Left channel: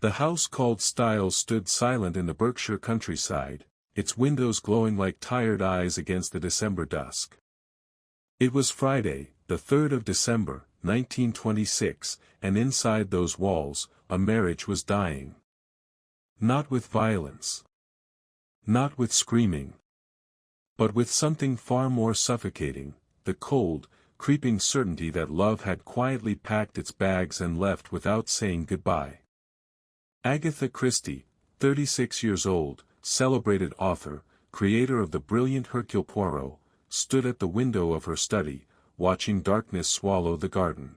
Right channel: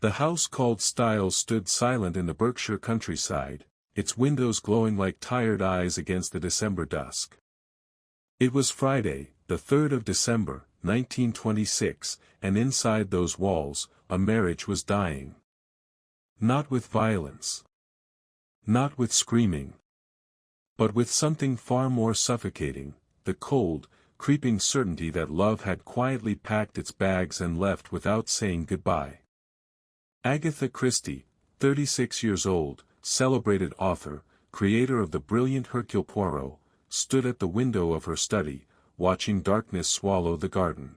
The house called Styles stood silent in the Berkshire countryside, its windows glowing like tired eyes against the December dusk. It was Friday, the 3rd of December, 1926, and inside those walls, a marriage was dying. Not with violence. Not with screaming. But with something far more suffocating, the cold, creeping certainty that love had quietly packed its bags and left without saying goodbye. Agatha Christie, 36 years old, celebrated author, creator of the brilliant Hercule Poirot, stood at the window of her study, watching darkness swallow the garden.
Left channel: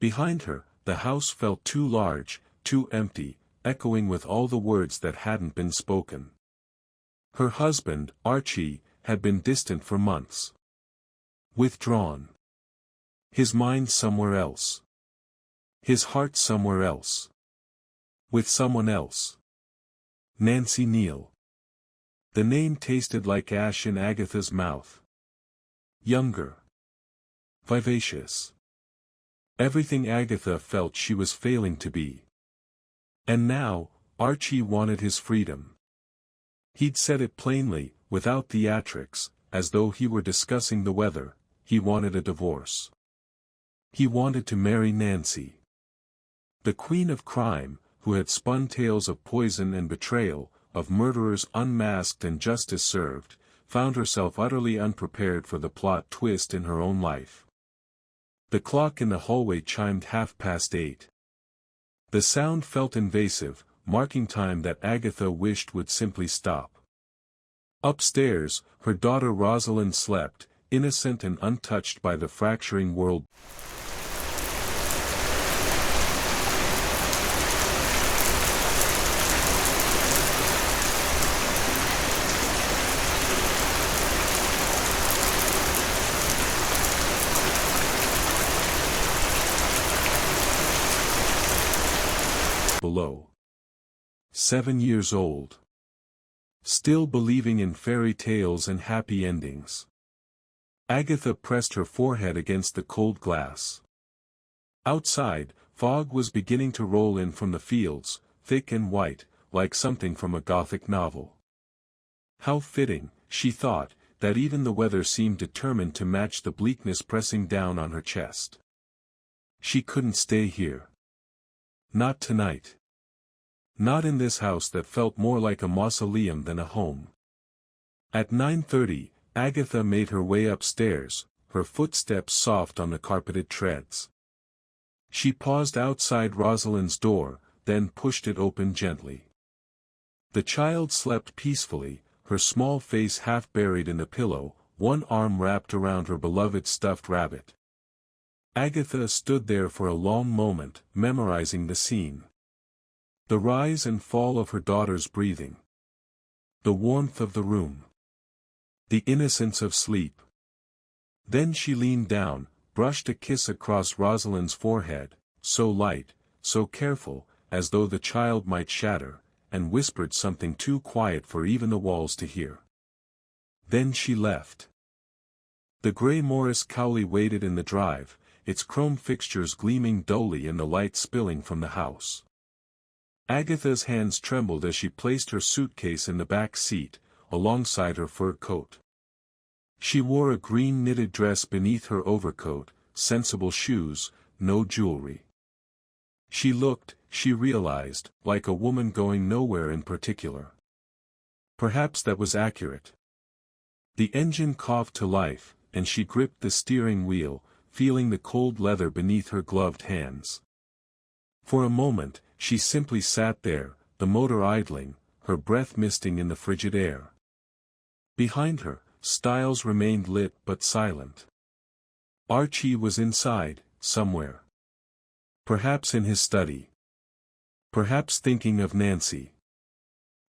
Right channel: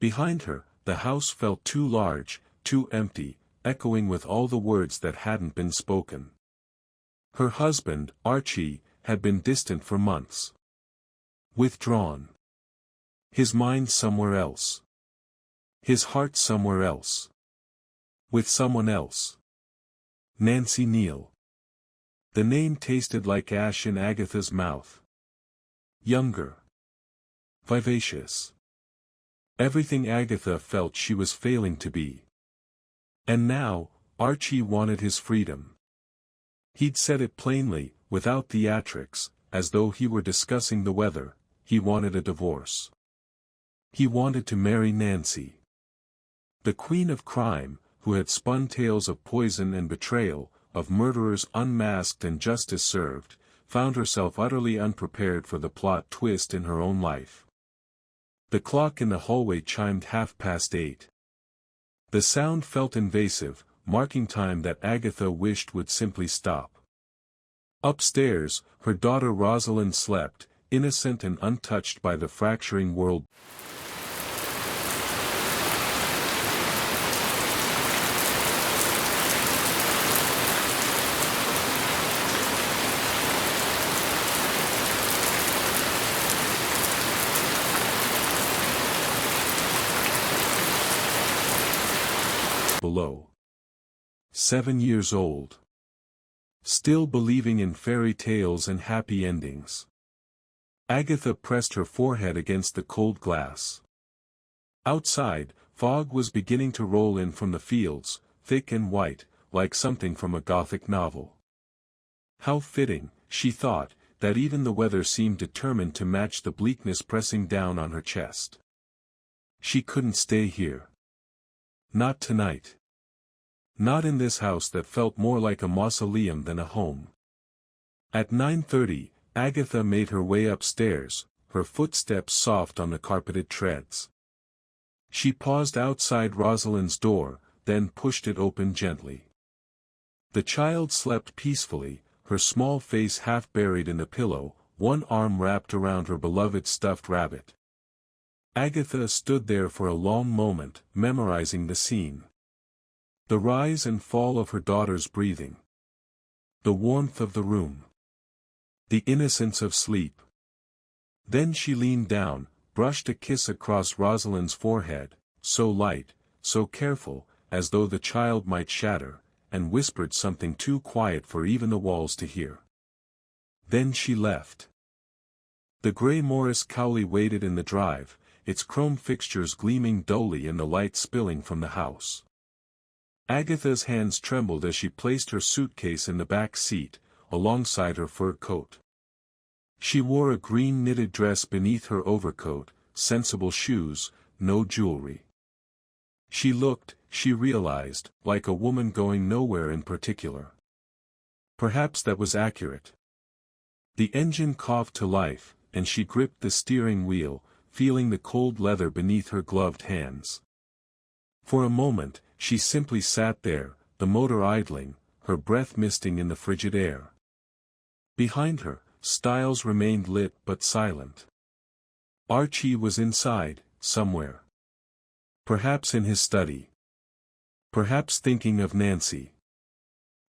Behind her, the house felt too large, too empty, echoing with all the words that hadn't been spoken. Her husband, Archie, had been distant for months. Withdrawn. His mind somewhere else. His heart somewhere else. With someone else. Nancy Neal. The name tasted like ash in Agatha's mouth. Younger. Vivacious. Everything Agatha felt she was failing to be. And now, Archie wanted his freedom. He'd said it plainly, without theatrics, as though he were discussing the weather. He wanted a divorce. He wanted to marry Nancy. The queen of crime, who had spun tales of poison and betrayal, of murderers unmasked and justice served, found herself utterly unprepared for the plot twist in her own life. The clock in the hallway chimed 8:30. The sound felt invasive, marking time that Agatha wished would simply stop. Upstairs, her daughter Rosalind slept, innocent and untouched by the fracturing world below. 7 years old. Still believing in fairy tales and happy endings. Agatha pressed her forehead against the cold glass. Outside, fog was beginning to roll in from the fields, thick and white, like something from a Gothic novel. How fitting, she thought, that even the weather seemed determined to match the bleakness pressing down on her chest. She couldn't stay here. Not tonight. Not in this house that felt more like a mausoleum than a home. At 9:30, Agatha made her way upstairs, her footsteps soft on the carpeted treads. She paused outside Rosalind's door, then pushed it open gently. The child slept peacefully, her small face half buried in the pillow, one arm wrapped around her beloved stuffed rabbit. Agatha stood there for a long moment, memorizing the scene. The rise and fall of her daughter's breathing. The warmth of the room. The innocence of sleep. Then she leaned down, brushed a kiss across Rosalind's forehead, so light, so careful, as though the child might shatter, and whispered something too quiet for even the walls to hear. Then she left. The grey Morris Cowley waited in the drive, its chrome fixtures gleaming dully in the light spilling from the house. Agatha's hands trembled as she placed her suitcase in the back seat, alongside her fur coat. She wore a green knitted dress beneath her overcoat, sensible shoes, no jewelry. She looked, she realized, like a woman going nowhere in particular. Perhaps that was accurate. The engine coughed to life, and she gripped the steering wheel, feeling the cold leather beneath her gloved hands. For a moment, she simply sat there, the motor idling, her breath misting in the frigid air. Behind her, Styles remained lit but silent. Archie was inside, somewhere. Perhaps in his study. Perhaps thinking of Nancy.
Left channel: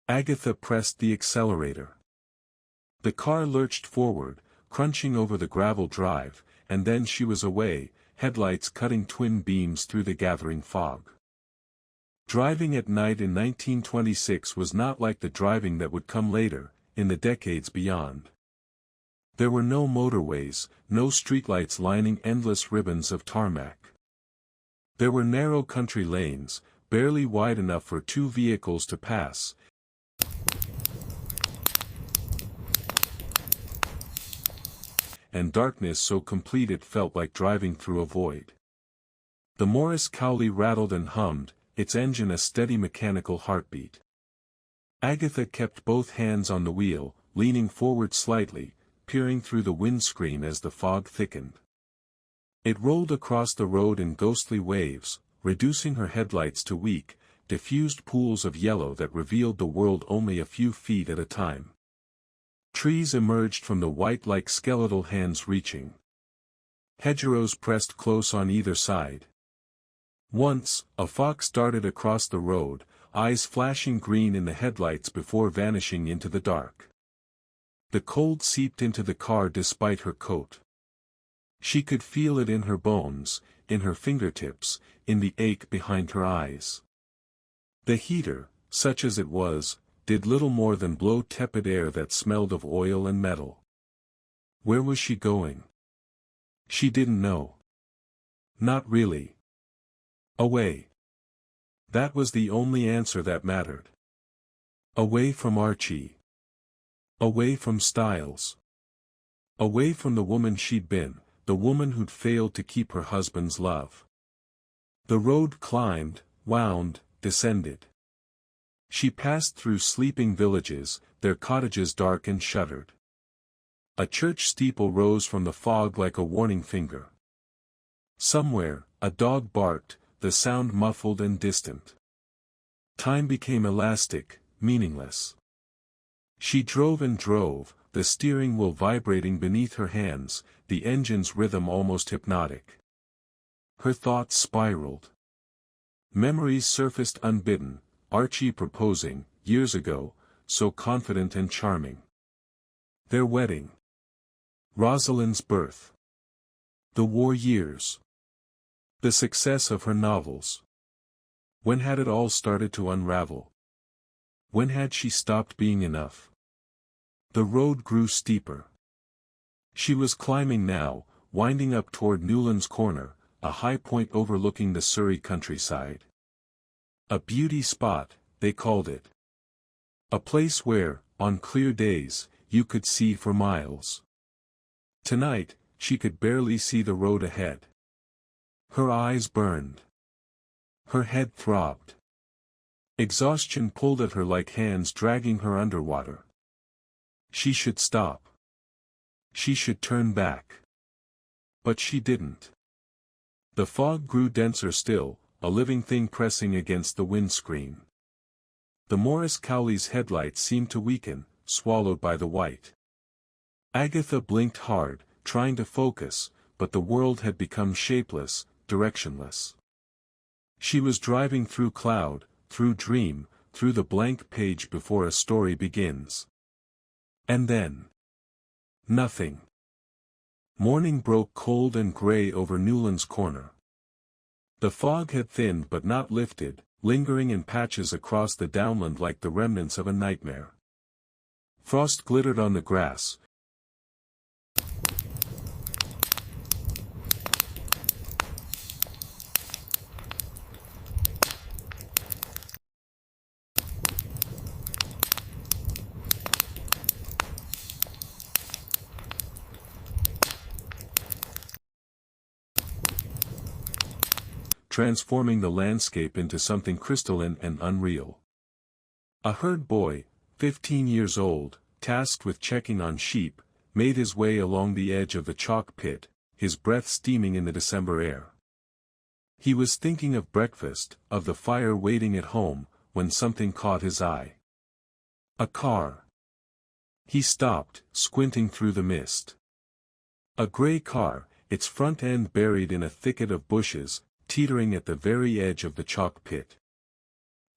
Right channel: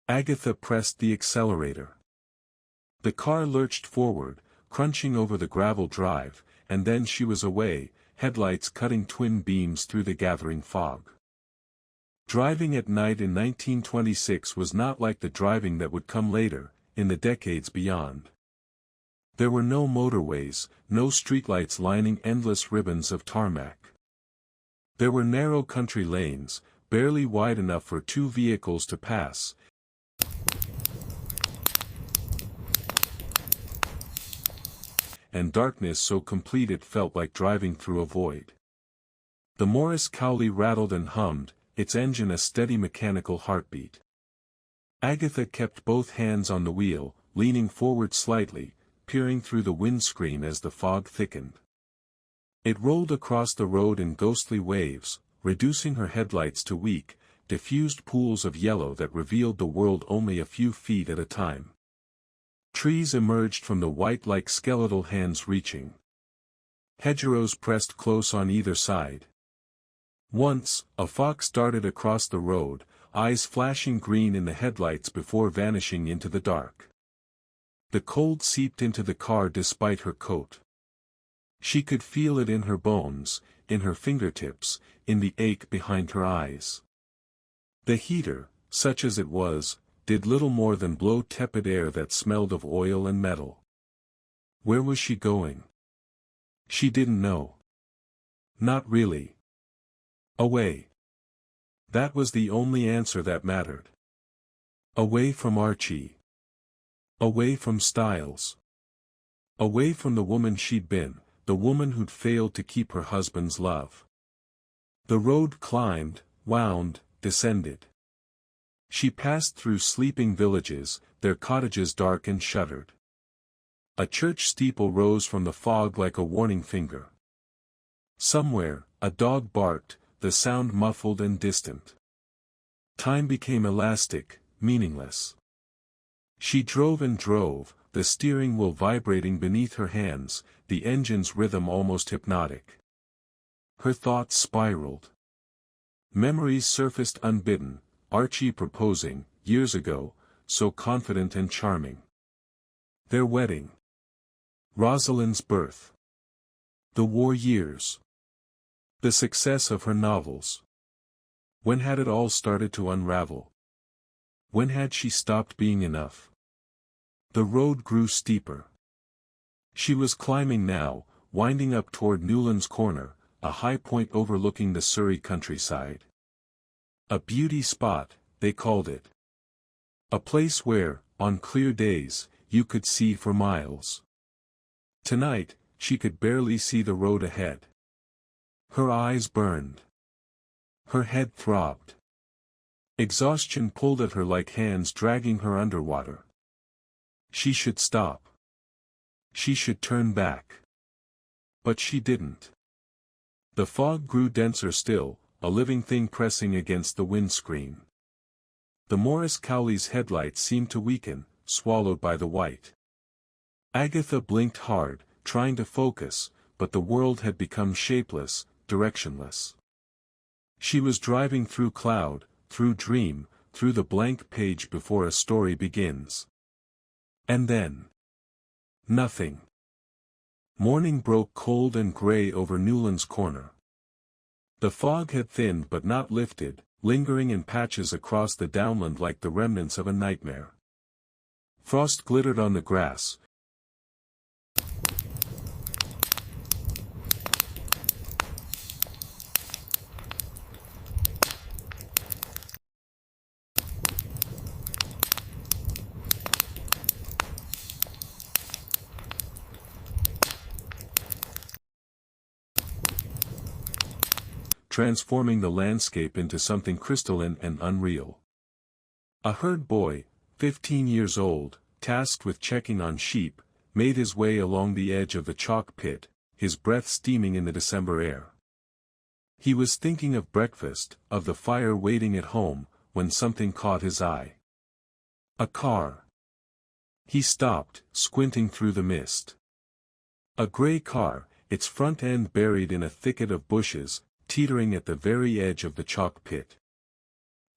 Agatha pressed the accelerator. The car lurched forward, crunching over the gravel drive, and then she was away, headlights cutting twin beams through the gathering fog. Driving at night in 1926 was not like the driving that would come later, in the decades beyond. There were no motorways, no streetlights lining endless ribbons of tarmac. There were narrow country lanes, barely wide enough for 2 vehicles to pass, and darkness so complete it felt like driving through a void. The Morris Cowley rattled and hummed, its engine a steady mechanical heartbeat. Agatha kept both hands on the wheel, leaning forward slightly, peering through the windscreen as the fog thickened. It rolled across the road in ghostly waves, reducing her headlights to weak, diffused pools of yellow that revealed the world only a few feet at a time. Trees emerged from the white like skeletal hands reaching. Hedgerows pressed close on either side. Once, a fox darted across the road, eyes flashing green in the headlights before vanishing into the dark. The cold seeped into the car despite her coat. She could feel it in her bones, in her fingertips, in the ache behind her eyes. The heater, such as it was, did little more than blow tepid air that smelled of oil and metal. Where was she going? She didn't know. Not really. Away. That was the only answer that mattered. Away from Archie. Away from Styles. Away from the woman she'd been, the woman who'd failed to keep her husband's love. The road climbed, wound, descended. She passed through sleeping villages, their cottages dark and shuttered. A church steeple rose from the fog like a warning finger. Somewhere, a dog barked, the sound muffled and distant. Time became elastic, meaningless. She drove and drove, the steering wheel vibrating beneath her hands, the engine's rhythm almost hypnotic. Her thoughts spiraled. Memories surfaced unbidden, Archie proposing, years ago, so confident and charming. Their wedding. Rosalind's birth. The war years. The success of her novels. When had it all started to unravel? When had she stopped being enough? The road grew steeper. She was climbing now, winding up toward Newlands Corner, a high point overlooking the Surrey countryside. A beauty spot, they called it. A place where, on clear days, you could see for miles. Tonight, she could barely see the road ahead. Her eyes burned. Her head throbbed. Exhaustion pulled at her like hands dragging her underwater. She should stop. She should turn back. But she didn't. The fog grew denser still, a living thing pressing against the windscreen. The Morris Cowley's headlights seemed to weaken, swallowed by the white. Agatha blinked hard, trying to focus, but the world had become shapeless, directionless. She was driving through cloud, through dream, through the blank page before a story begins. And then. Nothing. Morning broke cold and gray over Newlands Corner. The fog had thinned but not lifted, lingering in patches across the downland like the remnants of a nightmare. Frost glittered on the grass. Transforming the landscape into something crystalline and unreal. A herd boy, 15 years old, tasked with checking on sheep, made his way along the edge of the chalk pit, his breath steaming in the December air. He was thinking of breakfast, of the fire waiting at home, when something caught his eye. A car. He stopped, squinting through the mist. A gray car, its front end buried in a thicket of bushes, teetering at the very edge of the chalk pit.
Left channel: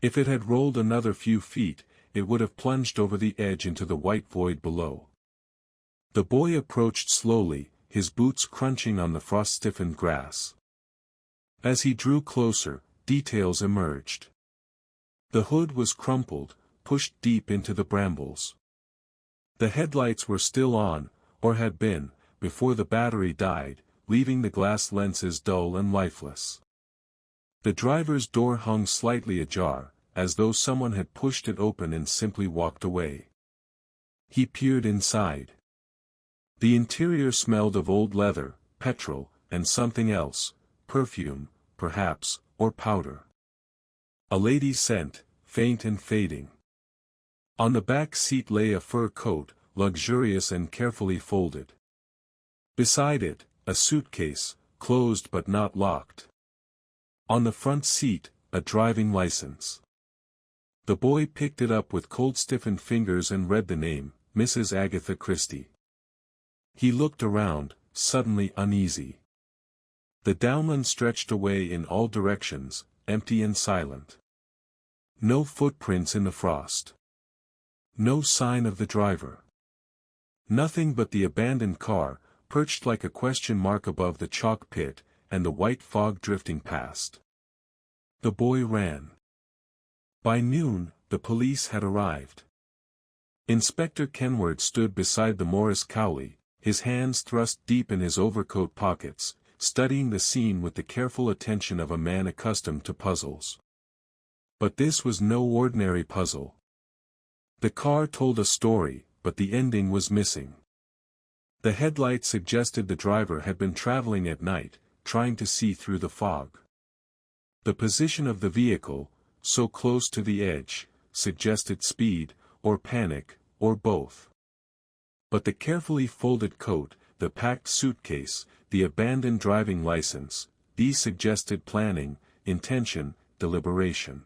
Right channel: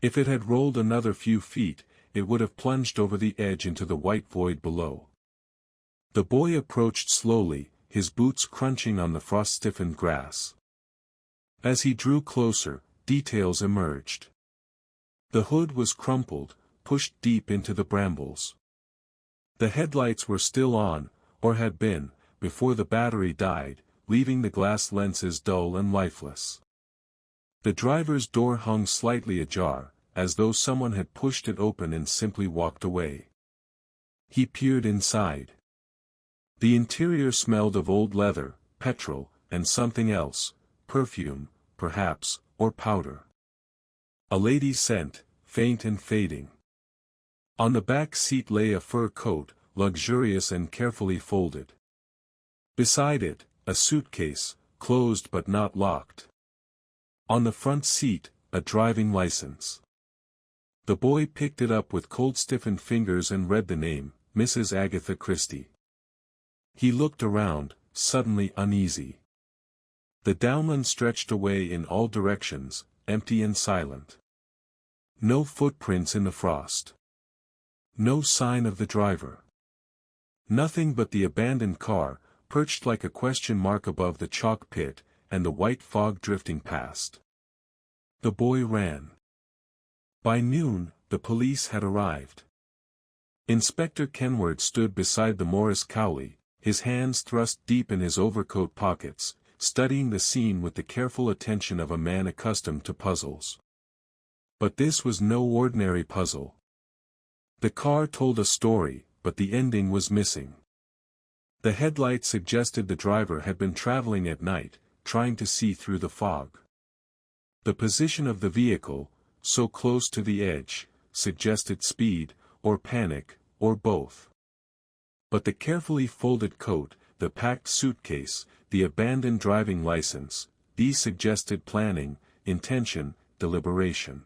If it had rolled another few feet, it would have plunged over the edge into the white void below. The boy approached slowly, his boots crunching on the frost-stiffened grass. As he drew closer, details emerged. The hood was crumpled, pushed deep into the brambles. The headlights were still on, or had been, before the battery died, leaving the glass lenses dull and lifeless. The driver's door hung slightly ajar, as though someone had pushed it open and simply walked away. He peered inside. The interior smelled of old leather, petrol, and something else, perfume, perhaps, or powder. A lady's scent, faint and fading. On the back seat lay a fur coat, luxurious and carefully folded. Beside it, a suitcase, closed but not locked. On the front seat, a driving license. The boy picked it up with cold stiffened fingers and read the name, Mrs. Agatha Christie. He looked around, suddenly uneasy. The downland stretched away in all directions, empty and silent. No footprints in the frost. No sign of the driver. Nothing but the abandoned car, perched like a question mark above the chalk pit, and the white fog drifting past. The boy ran. By noon, the police had arrived. Inspector Kenward stood beside the Morris Cowley, his hands thrust deep in his overcoat pockets, studying the scene with the careful attention of a man accustomed to puzzles. But this was no ordinary puzzle. The car told a story, but the ending was missing. The headlight suggested the driver had been traveling at night, trying to see through the fog. The position of the vehicle, so close to the edge, suggested speed, or panic, or both. But the carefully folded coat, the packed suitcase, the abandoned driving license, these suggested planning, intention, deliberation.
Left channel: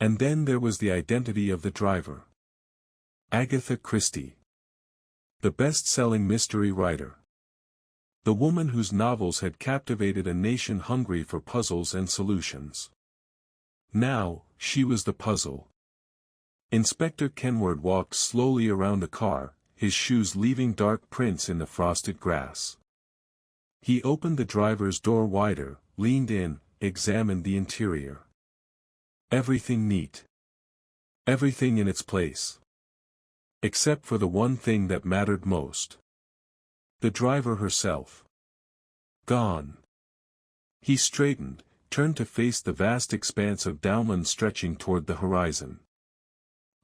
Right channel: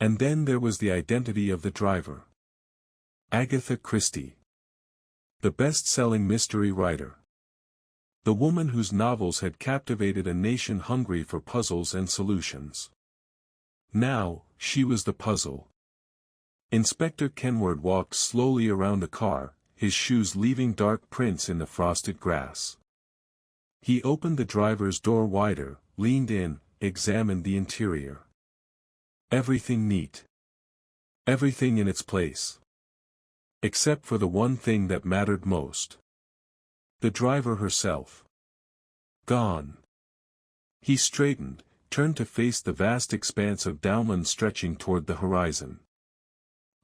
And then there was the identity of the driver. Agatha Christie. The best-selling mystery writer. The woman whose novels had captivated a nation hungry for puzzles and solutions. Now, she was the puzzle. Inspector Kenward walked slowly around the car, his shoes leaving dark prints in the frosted grass. He opened the driver's door wider, leaned in, examined the interior. Everything neat. Everything in its place. Except for the one thing that mattered most. The driver herself. Gone. He straightened, turned to face the vast expanse of downland stretching toward the horizon.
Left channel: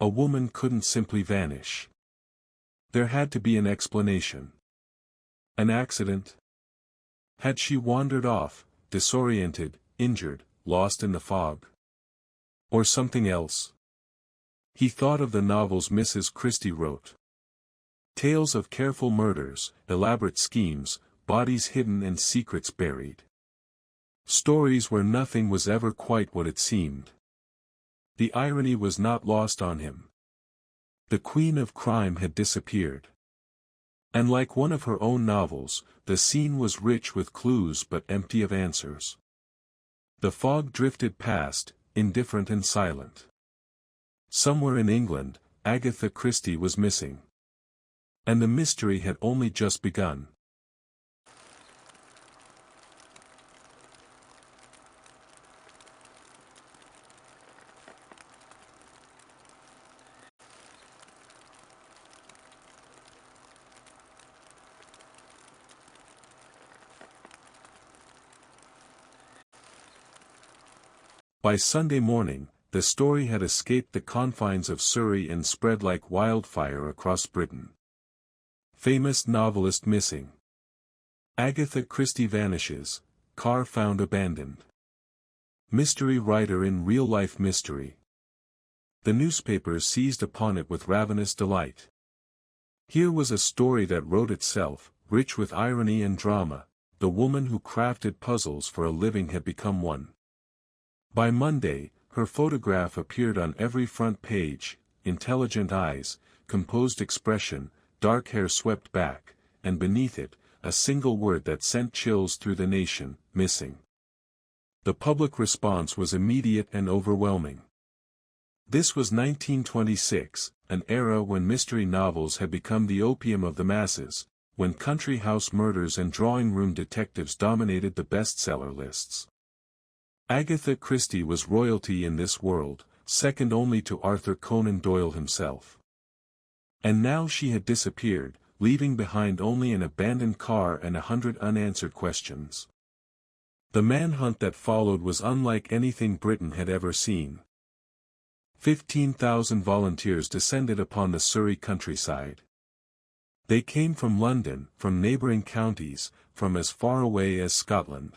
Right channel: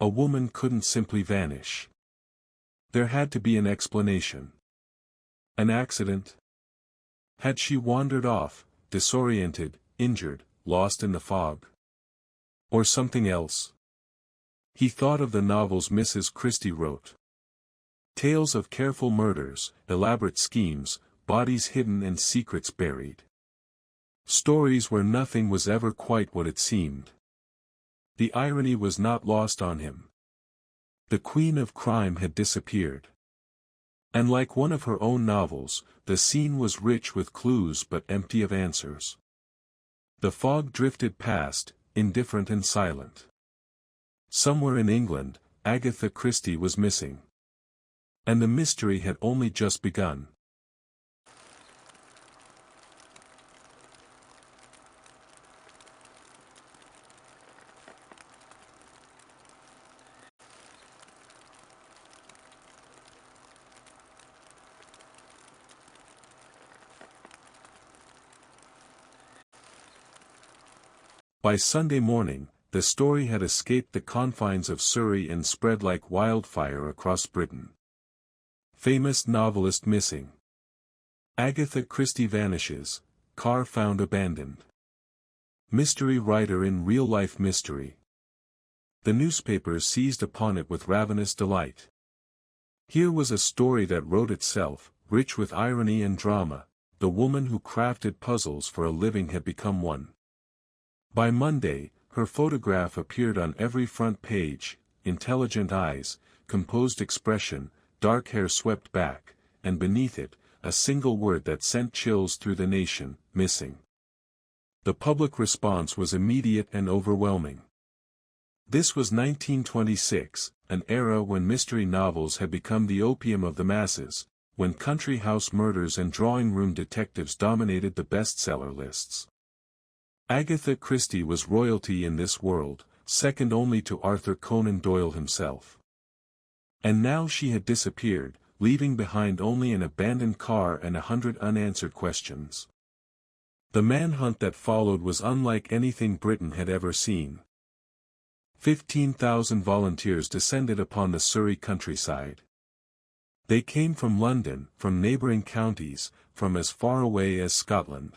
A woman couldn't simply vanish. There had to be an explanation. An accident? Had she wandered off, disoriented, injured, lost in the fog? Or something else? He thought of the novels Mrs. Christie wrote. Tales of careful murders, elaborate schemes, bodies hidden and secrets buried. Stories where nothing was ever quite what it seemed. The irony was not lost on him. The queen of crime had disappeared. And like one of her own novels, the scene was rich with clues but empty of answers. The fog drifted past, indifferent and silent. Somewhere in England, Agatha Christie was missing. And the mystery had only just begun. By Sunday morning, the story had escaped the confines of Surrey and spread like wildfire across Britain. Famous novelist missing. Agatha Christie vanishes, car found abandoned. Mystery writer in real-life mystery. The newspapers seized upon it with ravenous delight. Here was a story that wrote itself, rich with irony and drama. The woman who crafted puzzles for a living had become one. By Monday, her photograph appeared on every front page, intelligent eyes, composed expression, dark hair swept back, and beneath it, a single word that sent chills through the nation, missing. The public response was immediate and overwhelming. This was 1926, an era when mystery novels had become the opium of the masses, when country house murders and drawing-room detectives dominated the bestseller lists. Agatha Christie was royalty in this world, second only to Arthur Conan Doyle himself. And now she had disappeared, leaving behind only an abandoned car and 100 unanswered questions. The manhunt that followed was unlike anything Britain had ever seen. 15,000 volunteers descended upon the Surrey countryside. They came from London, from neighbouring counties, from as far away as Scotland.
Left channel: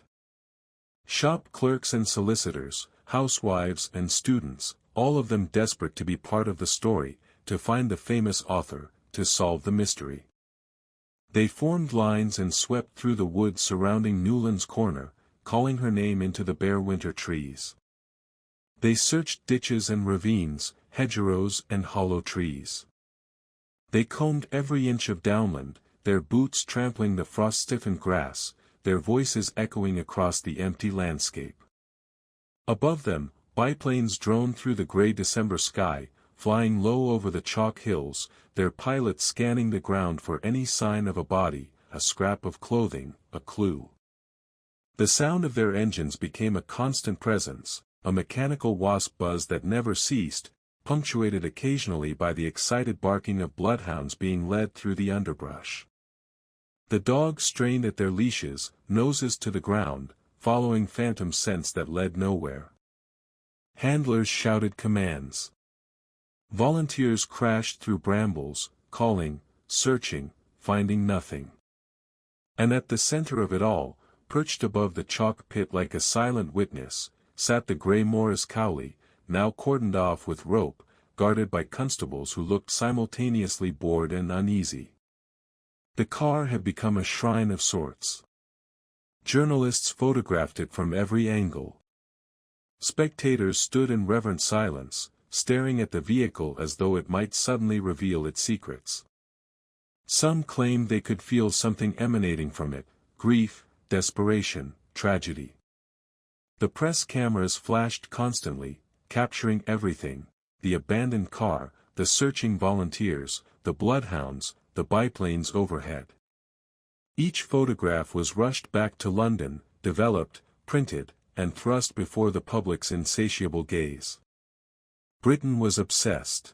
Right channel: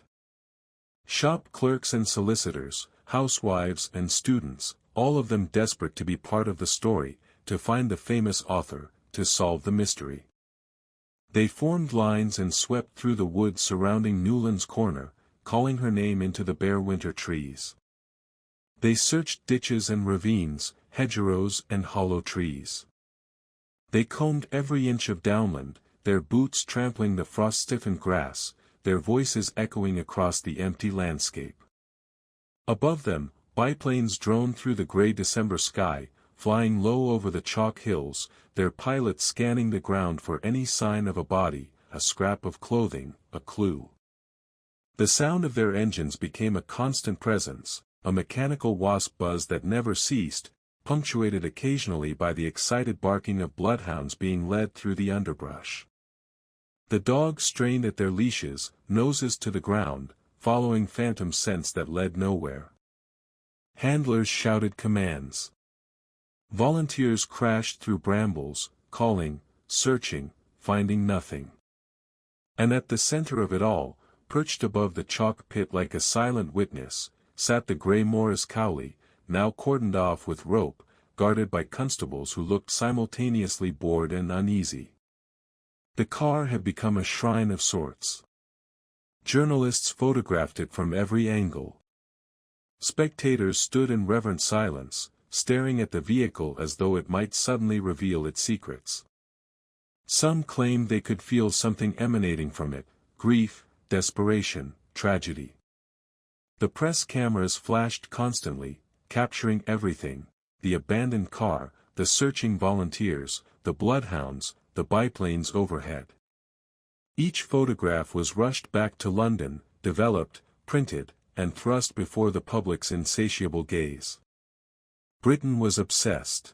Shop clerks and solicitors, housewives and students, all of them desperate to be part of the story, to find the famous author, to solve the mystery. They formed lines and swept through the woods surrounding Newlands Corner, calling her name into the bare winter trees. They searched ditches and ravines, hedgerows and hollow trees. They combed every inch of downland, their boots trampling the frost-stiffened grass, their voices echoing across the empty landscape. Above them, biplanes droned through the grey December sky, flying low over the chalk hills, their pilots scanning the ground for any sign of a body, a scrap of clothing, a clue. The sound of their engines became a constant presence, a mechanical wasp buzz that never ceased, punctuated occasionally by the excited barking of bloodhounds being led through the underbrush. The dogs strained at their leashes, noses to the ground, following phantom scents that led nowhere. Handlers shouted commands. Volunteers crashed through brambles, calling, searching, finding nothing. And at the center of it all, perched above the chalk pit like a silent witness, sat the grey Morris Cowley, now cordoned off with rope, guarded by constables who looked simultaneously bored and uneasy. The car had become a shrine of sorts. Journalists photographed it from every angle. Spectators stood in reverent silence, staring at the vehicle as though it might suddenly reveal its secrets. Some claimed they could feel something emanating from it, grief, desperation, tragedy. The press cameras flashed constantly, capturing everything: the abandoned car, the searching volunteers, the bloodhounds, the biplanes overhead. Each photograph was rushed back to London, developed, printed, and thrust before the public's insatiable gaze. Britain was obsessed.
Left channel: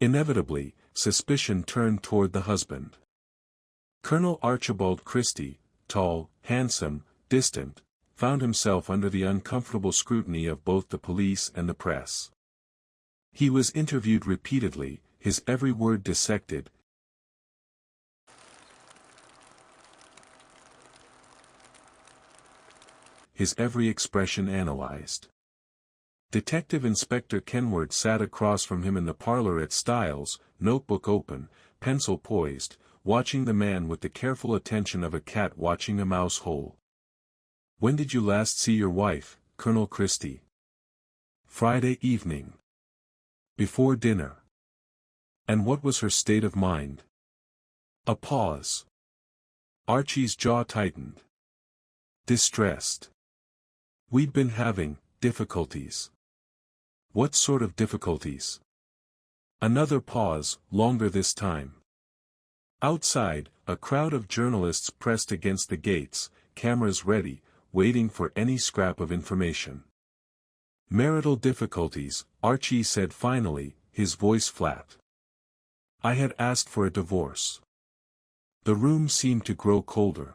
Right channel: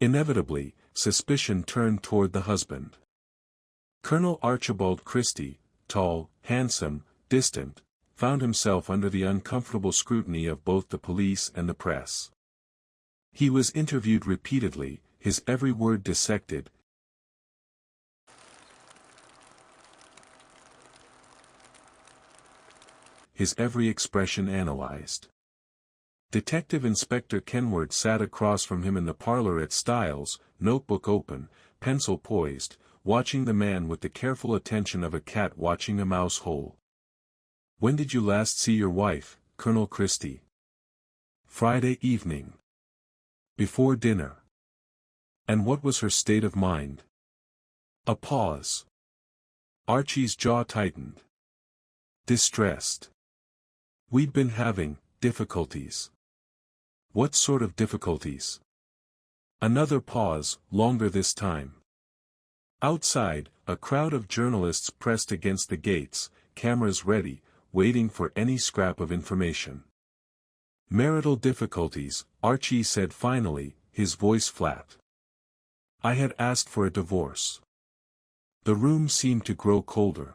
Inevitably, suspicion turned toward the husband. Colonel Archibald Christie, tall, handsome, distant, found himself under the uncomfortable scrutiny of both the police and the press. He was interviewed repeatedly, his every word dissected, his every expression analyzed. Detective Inspector Kenward sat across from him in the parlor at Styles, notebook open, pencil poised, watching the man with the careful attention of a cat watching a mouse hole. "When did you last see your wife, Colonel Christie?" "Friday evening. Before dinner." "And what was her state of mind?" A pause. Archie's jaw tightened. "Distressed. We'd been having difficulties." "What sort of difficulties?" Another pause, longer this time. Outside, a crowd of journalists pressed against the gates, cameras ready, waiting for any scrap of information. "Marital difficulties," Archie said finally, his voice flat. "I had asked for a divorce." The room seemed to grow colder.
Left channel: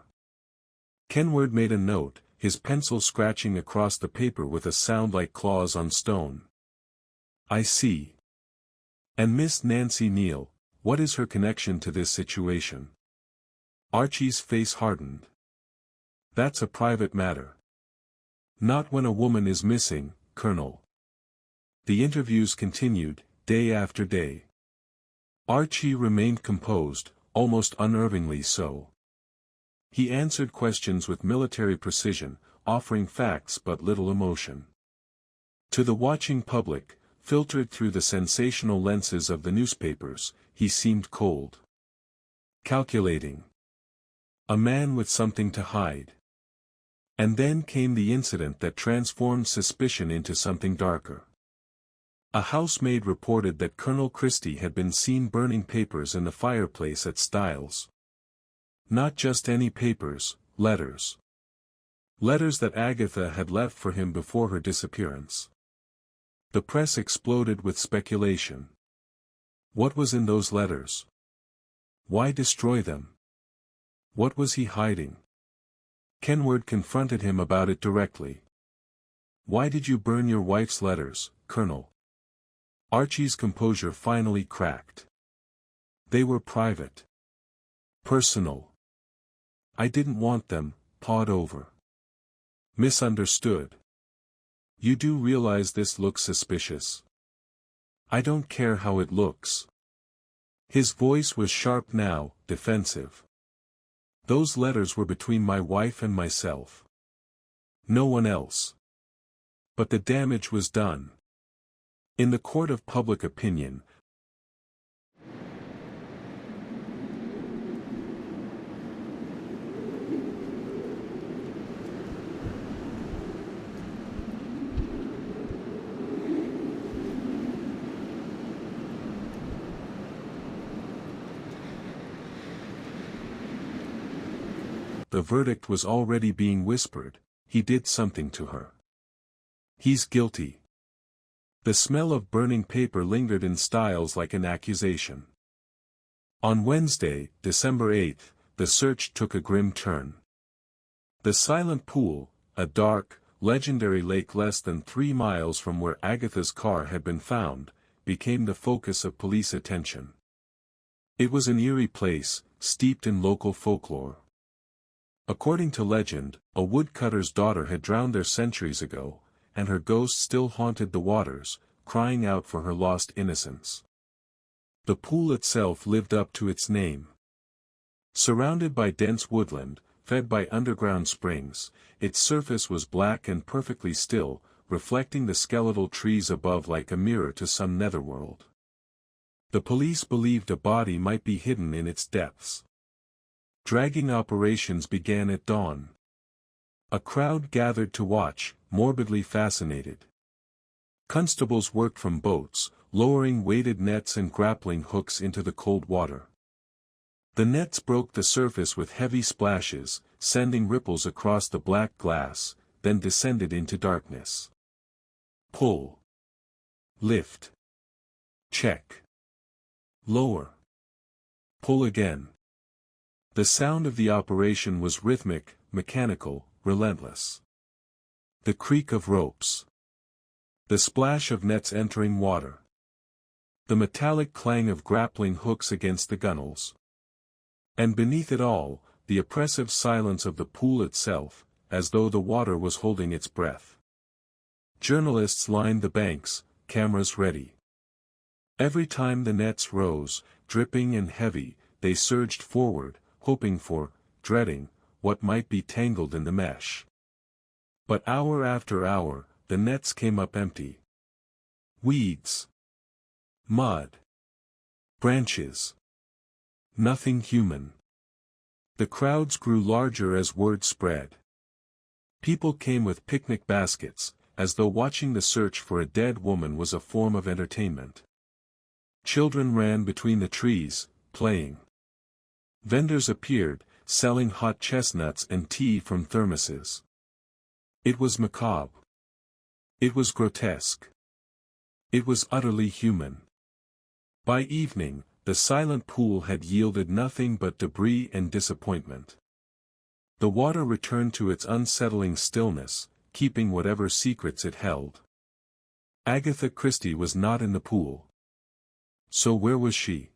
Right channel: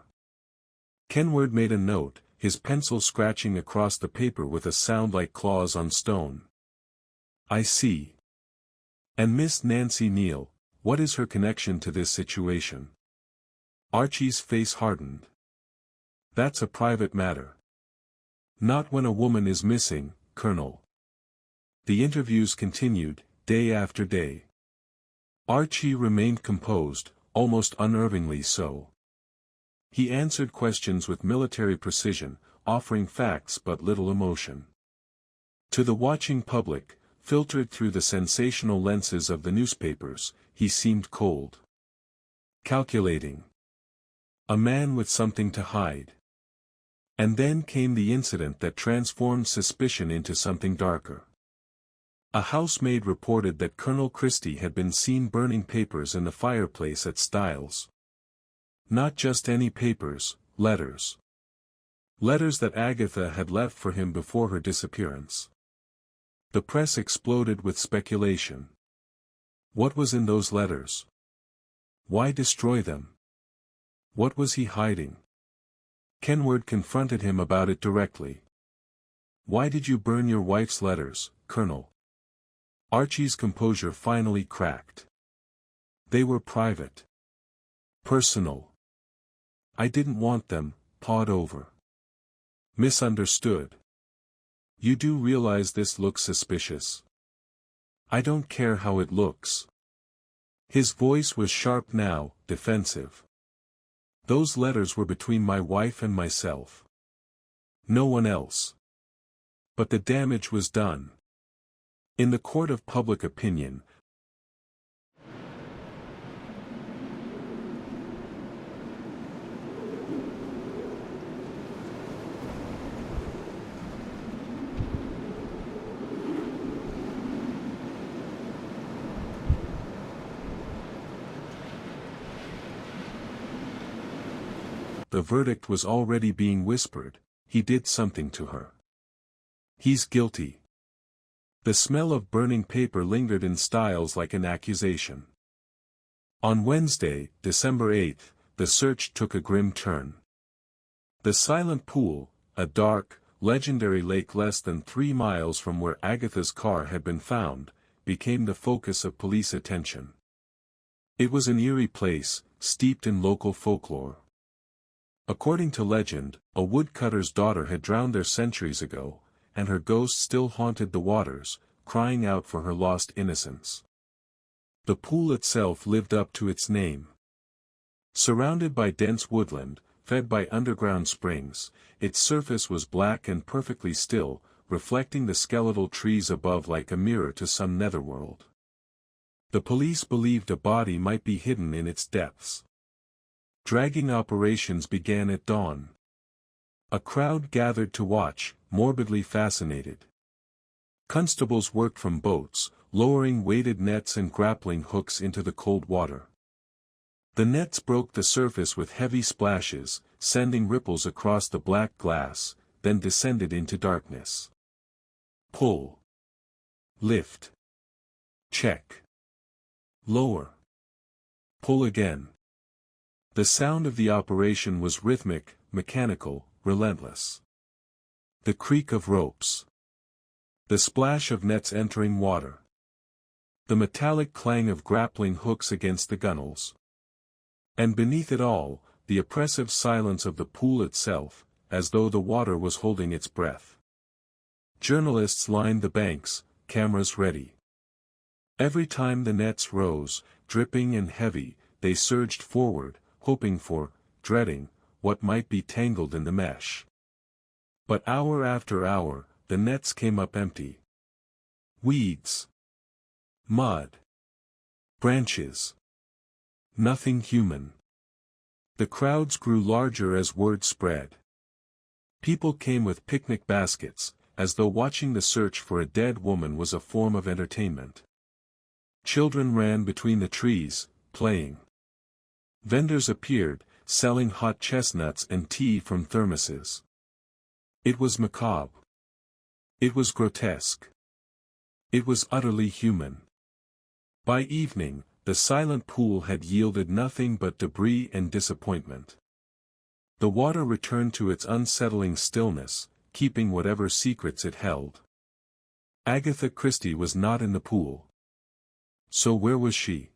Kenward made a note, his pencil scratching across the paper with a sound like claws on stone. "I see. And Miss Nancy Neal, what is her connection to this situation?" Archie's face hardened. "That's a private matter." "Not when a woman is missing, Colonel." The interviews continued, day after day. Archie remained composed, almost unnervingly so. He answered questions with military precision, offering facts but little emotion. To the watching public, filtered through the sensational lenses of the newspapers, he seemed cold. Calculating. A man with something to hide. And then came the incident that transformed suspicion into something darker. A housemaid reported that Colonel Christie had been seen burning papers in the fireplace at Styles. Not just any papers, letters. Letters that Agatha had left for him before her disappearance. The press exploded with speculation. What was in those letters? Why destroy them? What was he hiding? Kenward confronted him about it directly. "Why did you burn your wife's letters, Colonel?" Archie's composure finally cracked. "They were private. Personal. I didn't want them pawed over." "Misunderstood. You do realize this looks suspicious?" "I don't care how it looks." His voice was sharp now, defensive. "Those letters were between my wife and myself. No one else. But the damage was done. In the court of public opinion, the verdict was already being whispered: he did something to her. He's guilty. The smell of burning paper lingered in Styles like an accusation. On Wednesday, December 8th, the search took a grim turn. The Silent Pool, a dark, legendary lake less than 3 miles from where Agatha's car had been found, became the focus of police attention. It was an eerie place, steeped in local folklore. According to legend, a woodcutter's daughter had drowned there centuries ago, and her ghost still haunted the waters, crying out for her lost innocence. The pool itself lived up to its name. Surrounded by dense woodland, fed by underground springs, its surface was black and perfectly still, reflecting the skeletal trees above like a mirror to some netherworld. The police believed a body might be hidden in its depths. Dragging operations began at dawn. A crowd gathered to watch, morbidly fascinated. Constables worked from boats, lowering weighted nets and grappling hooks into the cold water. The nets broke the surface with heavy splashes, sending ripples across the black glass, then descended into darkness. Pull. Lift. Check. Lower. Pull again. The sound of the operation was rhythmic, mechanical, relentless. The creak of ropes. The splash of nets entering water. The metallic clang of grappling hooks against the gunnels. And beneath it all, the oppressive silence of the pool itself, as though the water was holding its breath. Journalists lined the banks, cameras ready. Every time the nets rose, dripping and heavy, they surged forward, hoping for, dreading, what might be tangled in the mesh. But hour after hour, the nets came up empty. Weeds. Mud. Branches. Nothing human. The crowds grew larger as word spread. People came with picnic baskets, as though watching the search for a dead woman was a form of entertainment. Children ran between the trees, playing. Vendors appeared, selling hot chestnuts and tea from thermoses. It was macabre. It was grotesque. It was utterly human. By evening, the silent pool had yielded nothing but debris and disappointment. The water returned to its unsettling stillness, keeping whatever secrets it held. Agatha Christie was not in the pool. So where was she?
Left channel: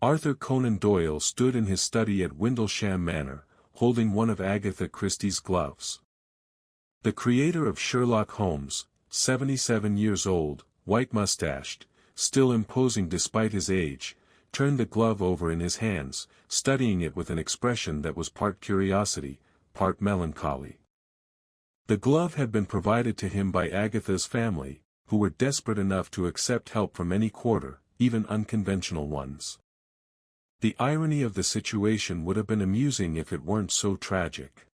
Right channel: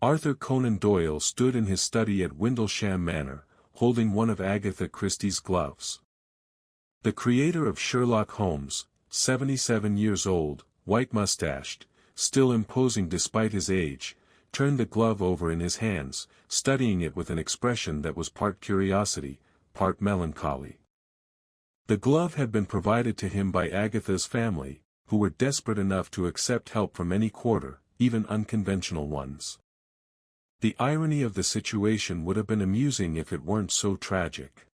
Arthur Conan Doyle stood in his study at Windlesham Manor, holding one of Agatha Christie's gloves. The creator of Sherlock Holmes, 77 years old, white-mustached, still imposing despite his age, turned the glove over in his hands, studying it with an expression that was part curiosity, part melancholy. The glove had been provided to him by Agatha's family, who were desperate enough to accept help from any quarter, even unconventional ones. The irony of the situation would have been amusing if it weren't so tragic.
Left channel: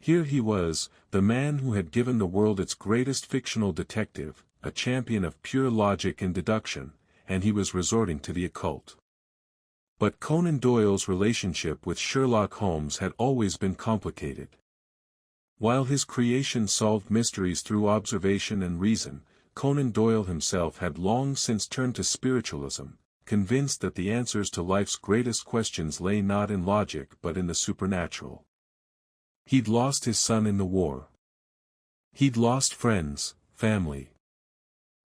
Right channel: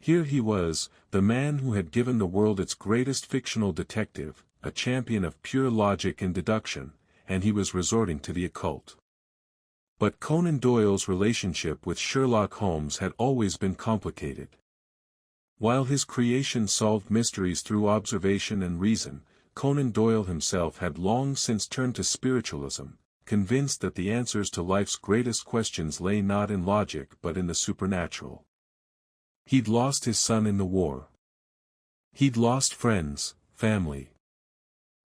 Here he was, the man who had given the world its greatest fictional detective, a champion of pure logic and deduction, and he was resorting to the occult. But Conan Doyle's relationship with Sherlock Holmes had always been complicated. While his creation solved mysteries through observation and reason, Conan Doyle himself had long since turned to spiritualism, convinced that the answers to life's greatest questions lay not in logic but in the supernatural. He'd lost his son in the war. He'd lost friends, family.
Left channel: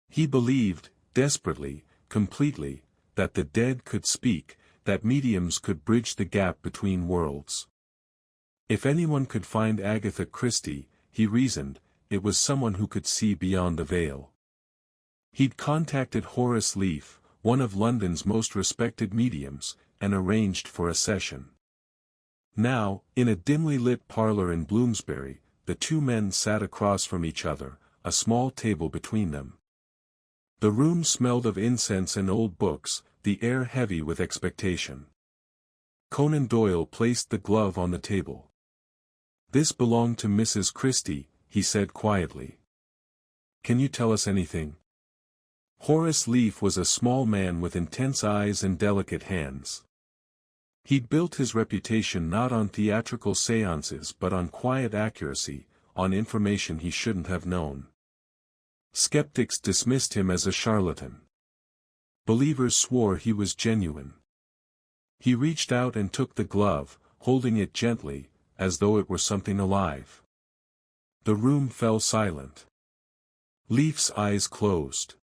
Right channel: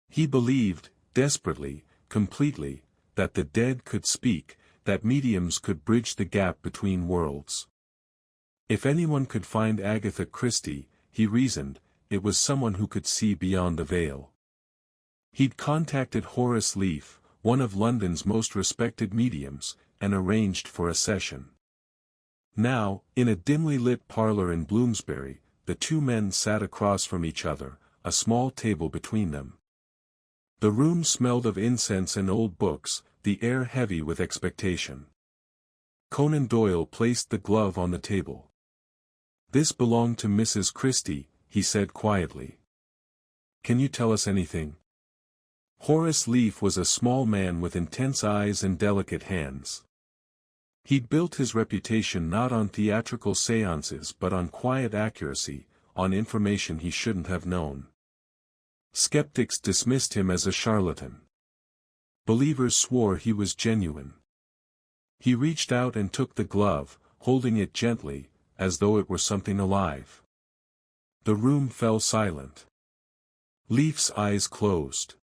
He believed, desperately, completely, that the dead could speak, that mediums could bridge the gap between worlds. If anyone could find Agatha Christie, he reasoned, it was someone who could see beyond the veil. He'd contacted Horace Leaf, one of London's most respected mediums, and arranged for a session. Now, in a dimly lit parlor in Bloomsbury, the two men sat across from each other, a small table between them. The room smelled of incense and old books, the air heavy with expectation. Conan Doyle placed the glove on the table. "This belonged to Mrs. Christie," he said quietly. "Can you tell us anything?" Horace Leaf was a small man with intense eyes and delicate hands. He'd built his reputation not on theatrical séances but on quiet accuracy, on information he shouldn't have known. Skeptics dismissed him as a charlatan. Believers swore he was genuine. He reached out and took the glove, holding it gently, as though it were something alive. The room fell silent. Leaf's eyes closed.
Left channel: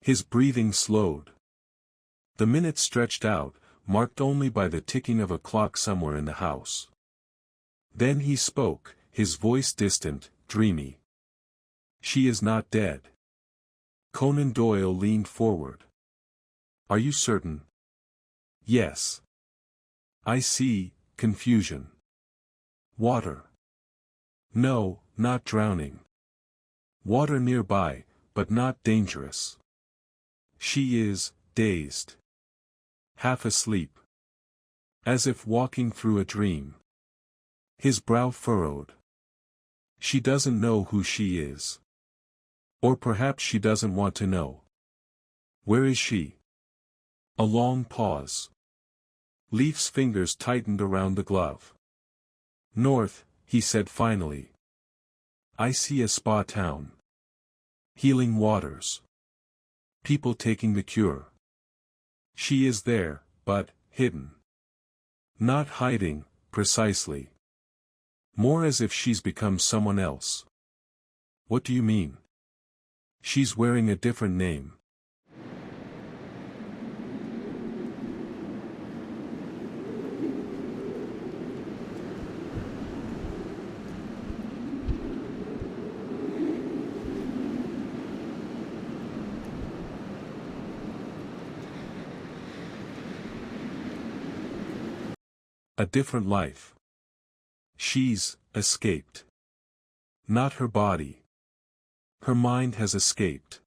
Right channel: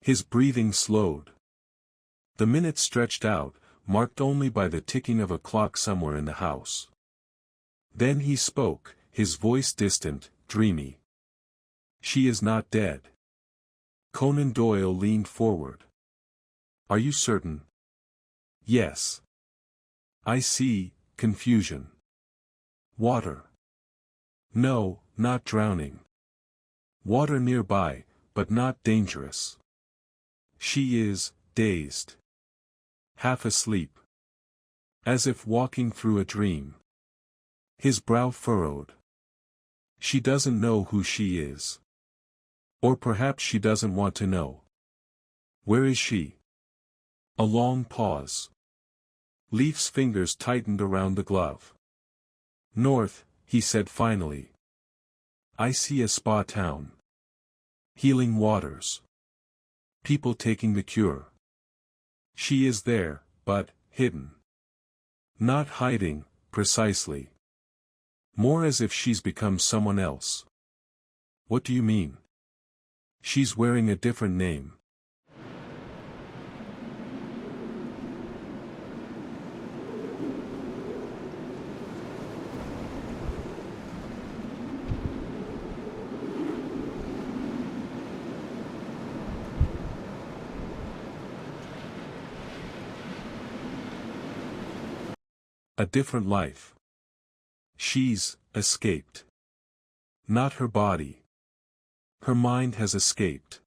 His breathing slowed. The minutes stretched out, marked only by the ticking of a clock somewhere in the house. Then he spoke, his voice distant, dreamy. "She is not dead." Conan Doyle leaned forward. "Are you certain?" "Yes." "I see, confusion. Water." "No, not drowning. Water nearby, but not dangerous. She is, dazed. Half asleep. As if walking through a dream." His brow furrowed. "She doesn't know who she is. Or perhaps she doesn't want to know. Where is she?" A long pause. Leaf's fingers tightened around the glove. "North," he said finally. "I see a spa town. Healing waters. People taking the cure. She is there, but, hidden. Not hiding, precisely. More as if she's become someone else." "What do you mean?" "She's wearing a different name." A different life. She's escaped. Not her body. Her mind has escaped.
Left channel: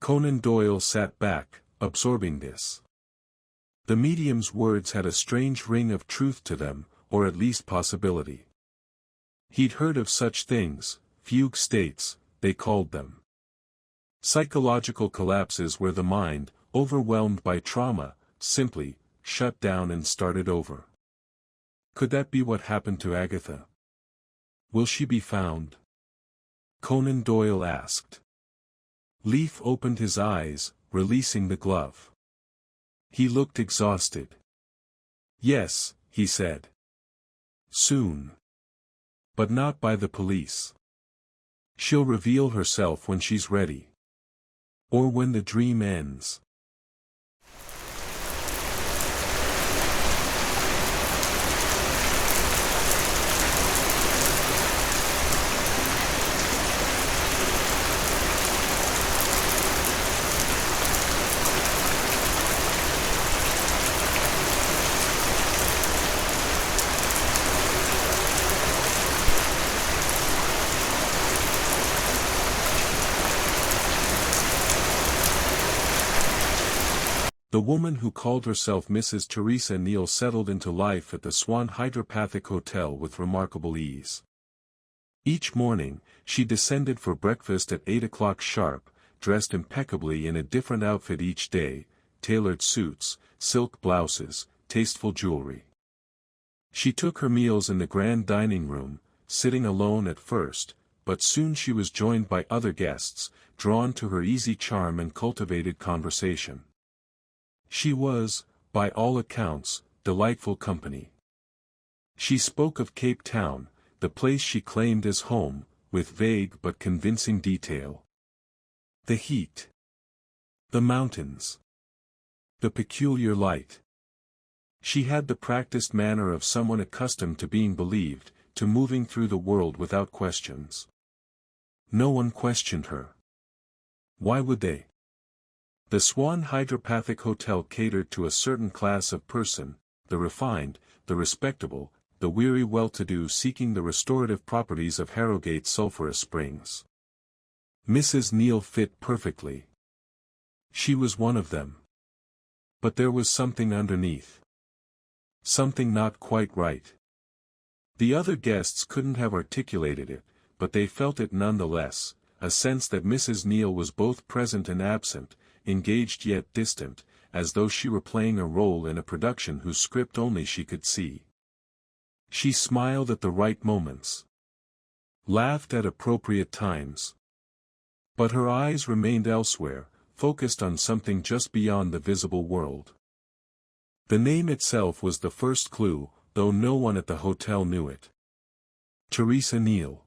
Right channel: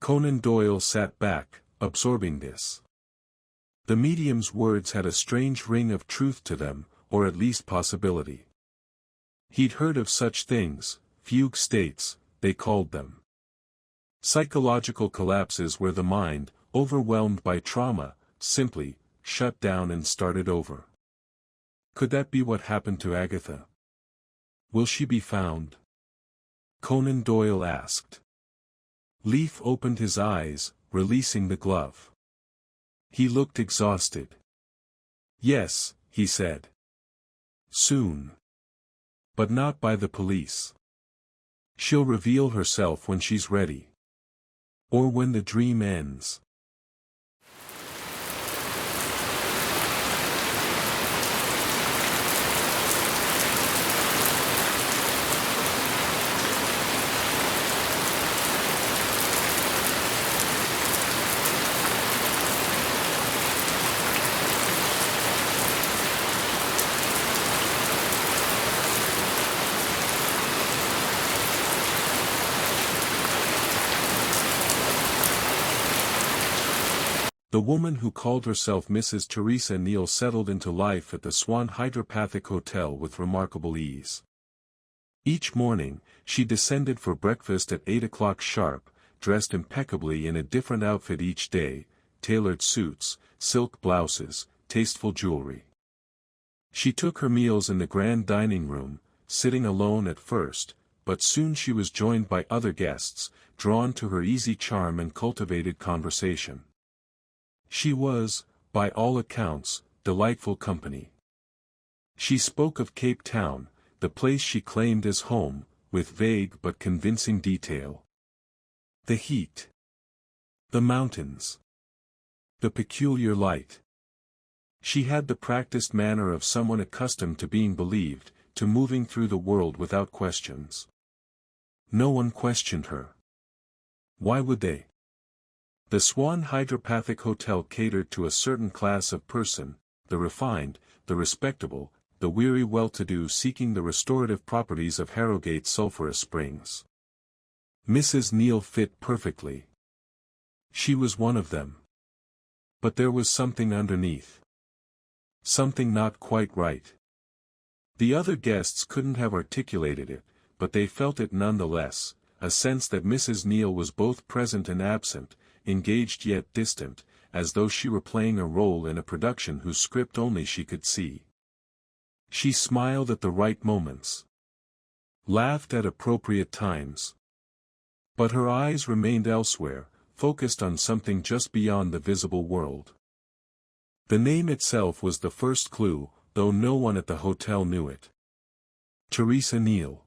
Conan Doyle sat back, absorbing this. The medium's words had a strange ring of truth to them, or at least possibility. He'd heard of such things, fugue states, they called them. Psychological collapses where the mind, overwhelmed by trauma, simply shut down and started over. Could that be what happened to Agatha? "Will she be found?" Conan Doyle asked. Leaf opened his eyes, releasing the glove. He looked exhausted. "Yes," he said. "Soon. But not by the police. She'll reveal herself when she's ready. Or when the dream ends." The woman who called herself Mrs. Teresa Neal settled into life at the Swan Hydro Hotel with remarkable ease. Each morning, she descended for breakfast at 8 o'clock sharp, dressed impeccably in a different outfit each day, tailored suits, silk blouses, tasteful jewelry. She took her meals in the grand dining room, sitting alone at first, but soon she was joined by other guests, drawn to her easy charm and cultivated conversation. She was, by all accounts, delightful company. She spoke of Cape Town, the place she claimed as home, with vague but convincing detail. The heat. The mountains. The peculiar light. She had the practiced manner of someone accustomed to being believed, to moving through the world without questions. No one questioned her. Why would they? The Swan Hydro Hotel catered to a certain class of person, the refined, the respectable, the weary well-to-do seeking the restorative properties of Harrogate sulphurous springs. Mrs. Neal fit perfectly. She was one of them. But there was something underneath. Something not quite right. The other guests couldn't have articulated it, but they felt it nonetheless, a sense that Mrs. Neal was both present and absent, engaged yet distant, as though she were playing a role in a production whose script only she could see. She smiled at the right moments. Laughed at appropriate times. But her eyes remained elsewhere, focused on something just beyond the visible world. The name itself was the first clue, though no one at the hotel knew it. Teresa Neal.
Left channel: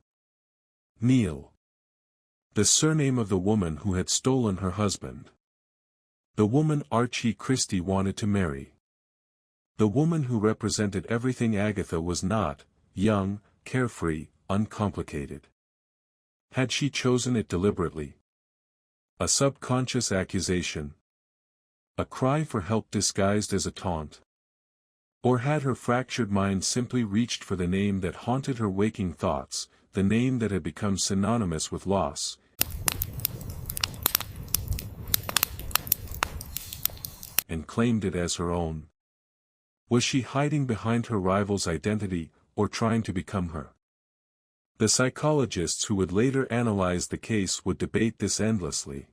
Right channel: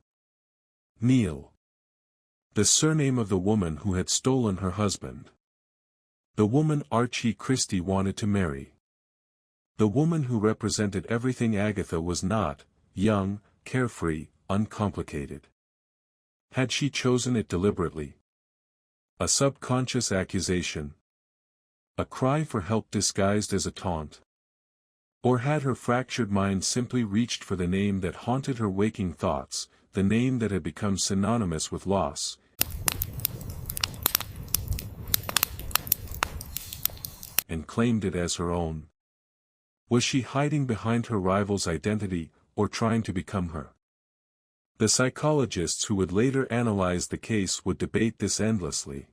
Neal. The surname of the woman who had stolen her husband. The woman Archie Christie wanted to marry. The woman who represented everything Agatha was not: young, carefree, uncomplicated. Had she chosen it deliberately? A subconscious accusation? A cry for help disguised as a taunt? Or had her fractured mind simply reached for the name that haunted her waking thoughts, the name that had become synonymous with loss, and claimed it as her own? Was she hiding behind her rival's identity, or trying to become her? The psychologists who would later analyze the case would debate this endlessly.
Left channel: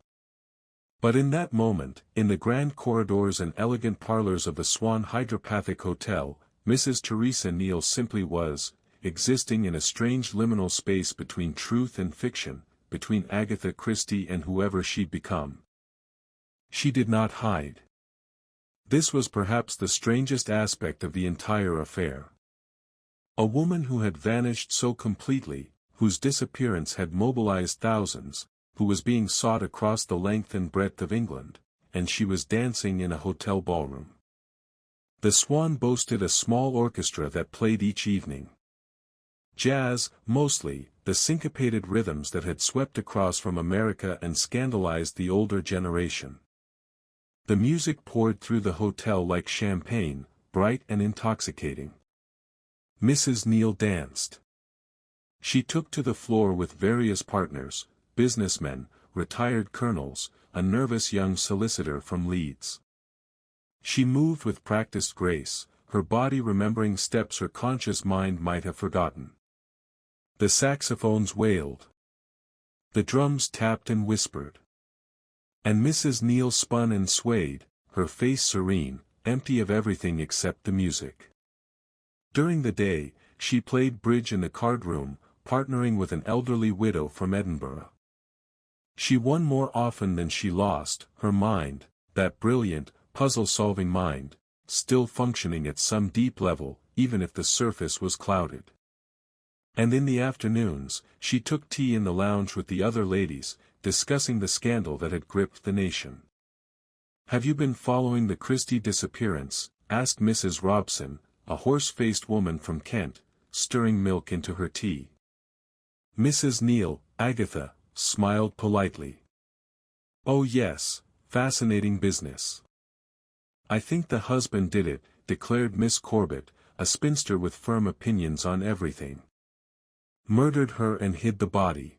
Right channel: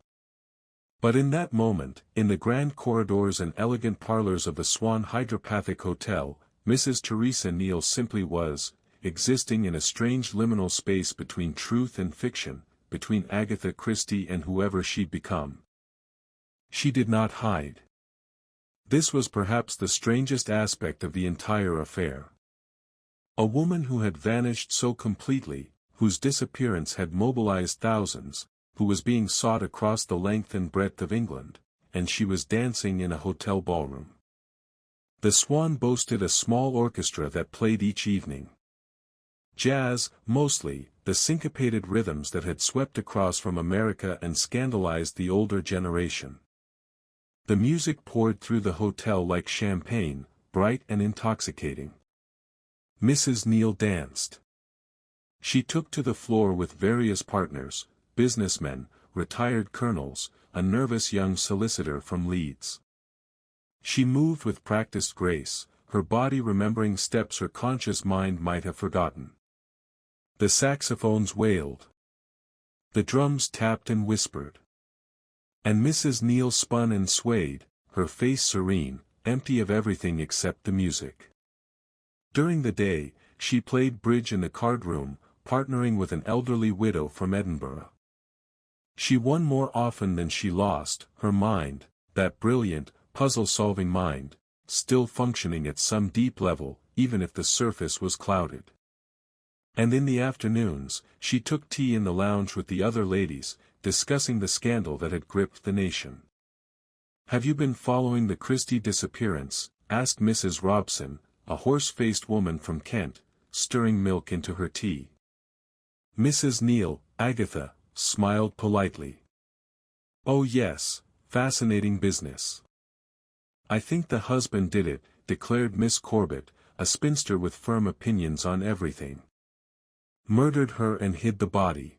But in that moment, in the grand corridors and elegant parlors of the Swan Hydro Hotel, Mrs. Teresa Neal simply was, existing in a strange liminal space between truth and fiction, between Agatha Christie and whoever she'd become. She did not hide. This was perhaps the strangest aspect of the entire affair. A woman who had vanished so completely, whose disappearance had mobilized thousands, who was being sought across the length and breadth of England, and she was dancing in a hotel ballroom. The Swan boasted a small orchestra that played each evening. Jazz, mostly, the syncopated rhythms that had swept across from America and scandalized the older generation. The music poured through the hotel like champagne, bright and intoxicating. Mrs. Neal danced. She took to the floor with various partners, businessmen, retired colonels, a nervous young solicitor from Leeds. She moved with practiced grace, her body remembering steps her conscious mind might have forgotten. The saxophones wailed. The drums tapped and whispered. And Mrs. Neal spun and swayed, her face serene, empty of everything except the music. During the day, she played bridge in the card room, partnering with an elderly widow from Edinburgh. She won more often than she lost, her mind, that brilliant, puzzle-solving mind, still functioning at some deep level, even if the surface was clouded. And in the afternoons, she took tea in the lounge with the other ladies, discussing the scandal that had gripped the nation. "Have you been following the Christie disappearance?" asked Mrs. Robson, a horse-faced woman from Kent, stirring milk into her tea. Mrs. Neal, Agatha, smiled politely. "Oh yes, fascinating business. I think the husband did it," declared Miss Corbett, a spinster with firm opinions on everything. "Murdered her and hid the body.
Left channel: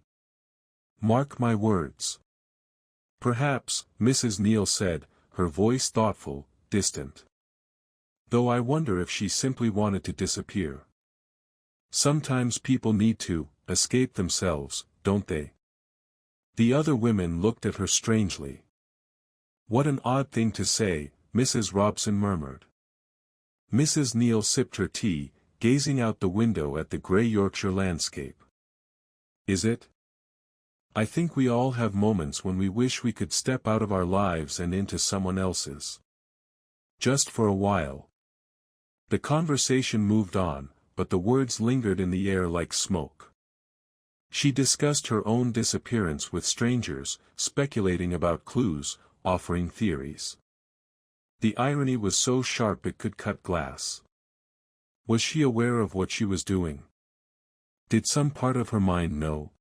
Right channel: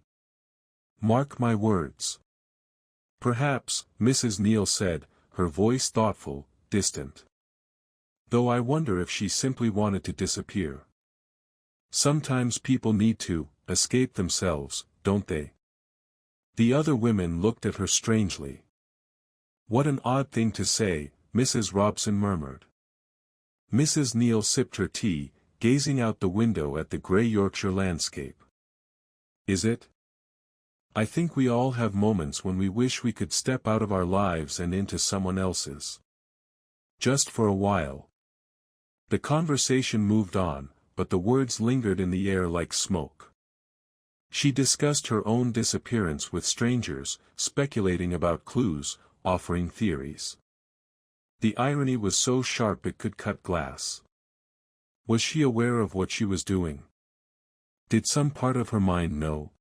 Mark my words." "Perhaps," Mrs. Neal said, her voice thoughtful, distant. "Though I wonder if she simply wanted to disappear. Sometimes people need to escape themselves, don't they?" The other women looked at her strangely. "What an odd thing to say," Mrs. Robson murmured. Mrs. Neal sipped her tea, gazing out the window at the grey Yorkshire landscape. "Is it? I think we all have moments when we wish we could step out of our lives and into someone else's. Just for a while." The conversation moved on, but the words lingered in the air like smoke. She discussed her own disappearance with strangers, speculating about clues, offering theories. The irony was so sharp it could cut glass. Was she aware of what she was doing? Did some part of her mind know?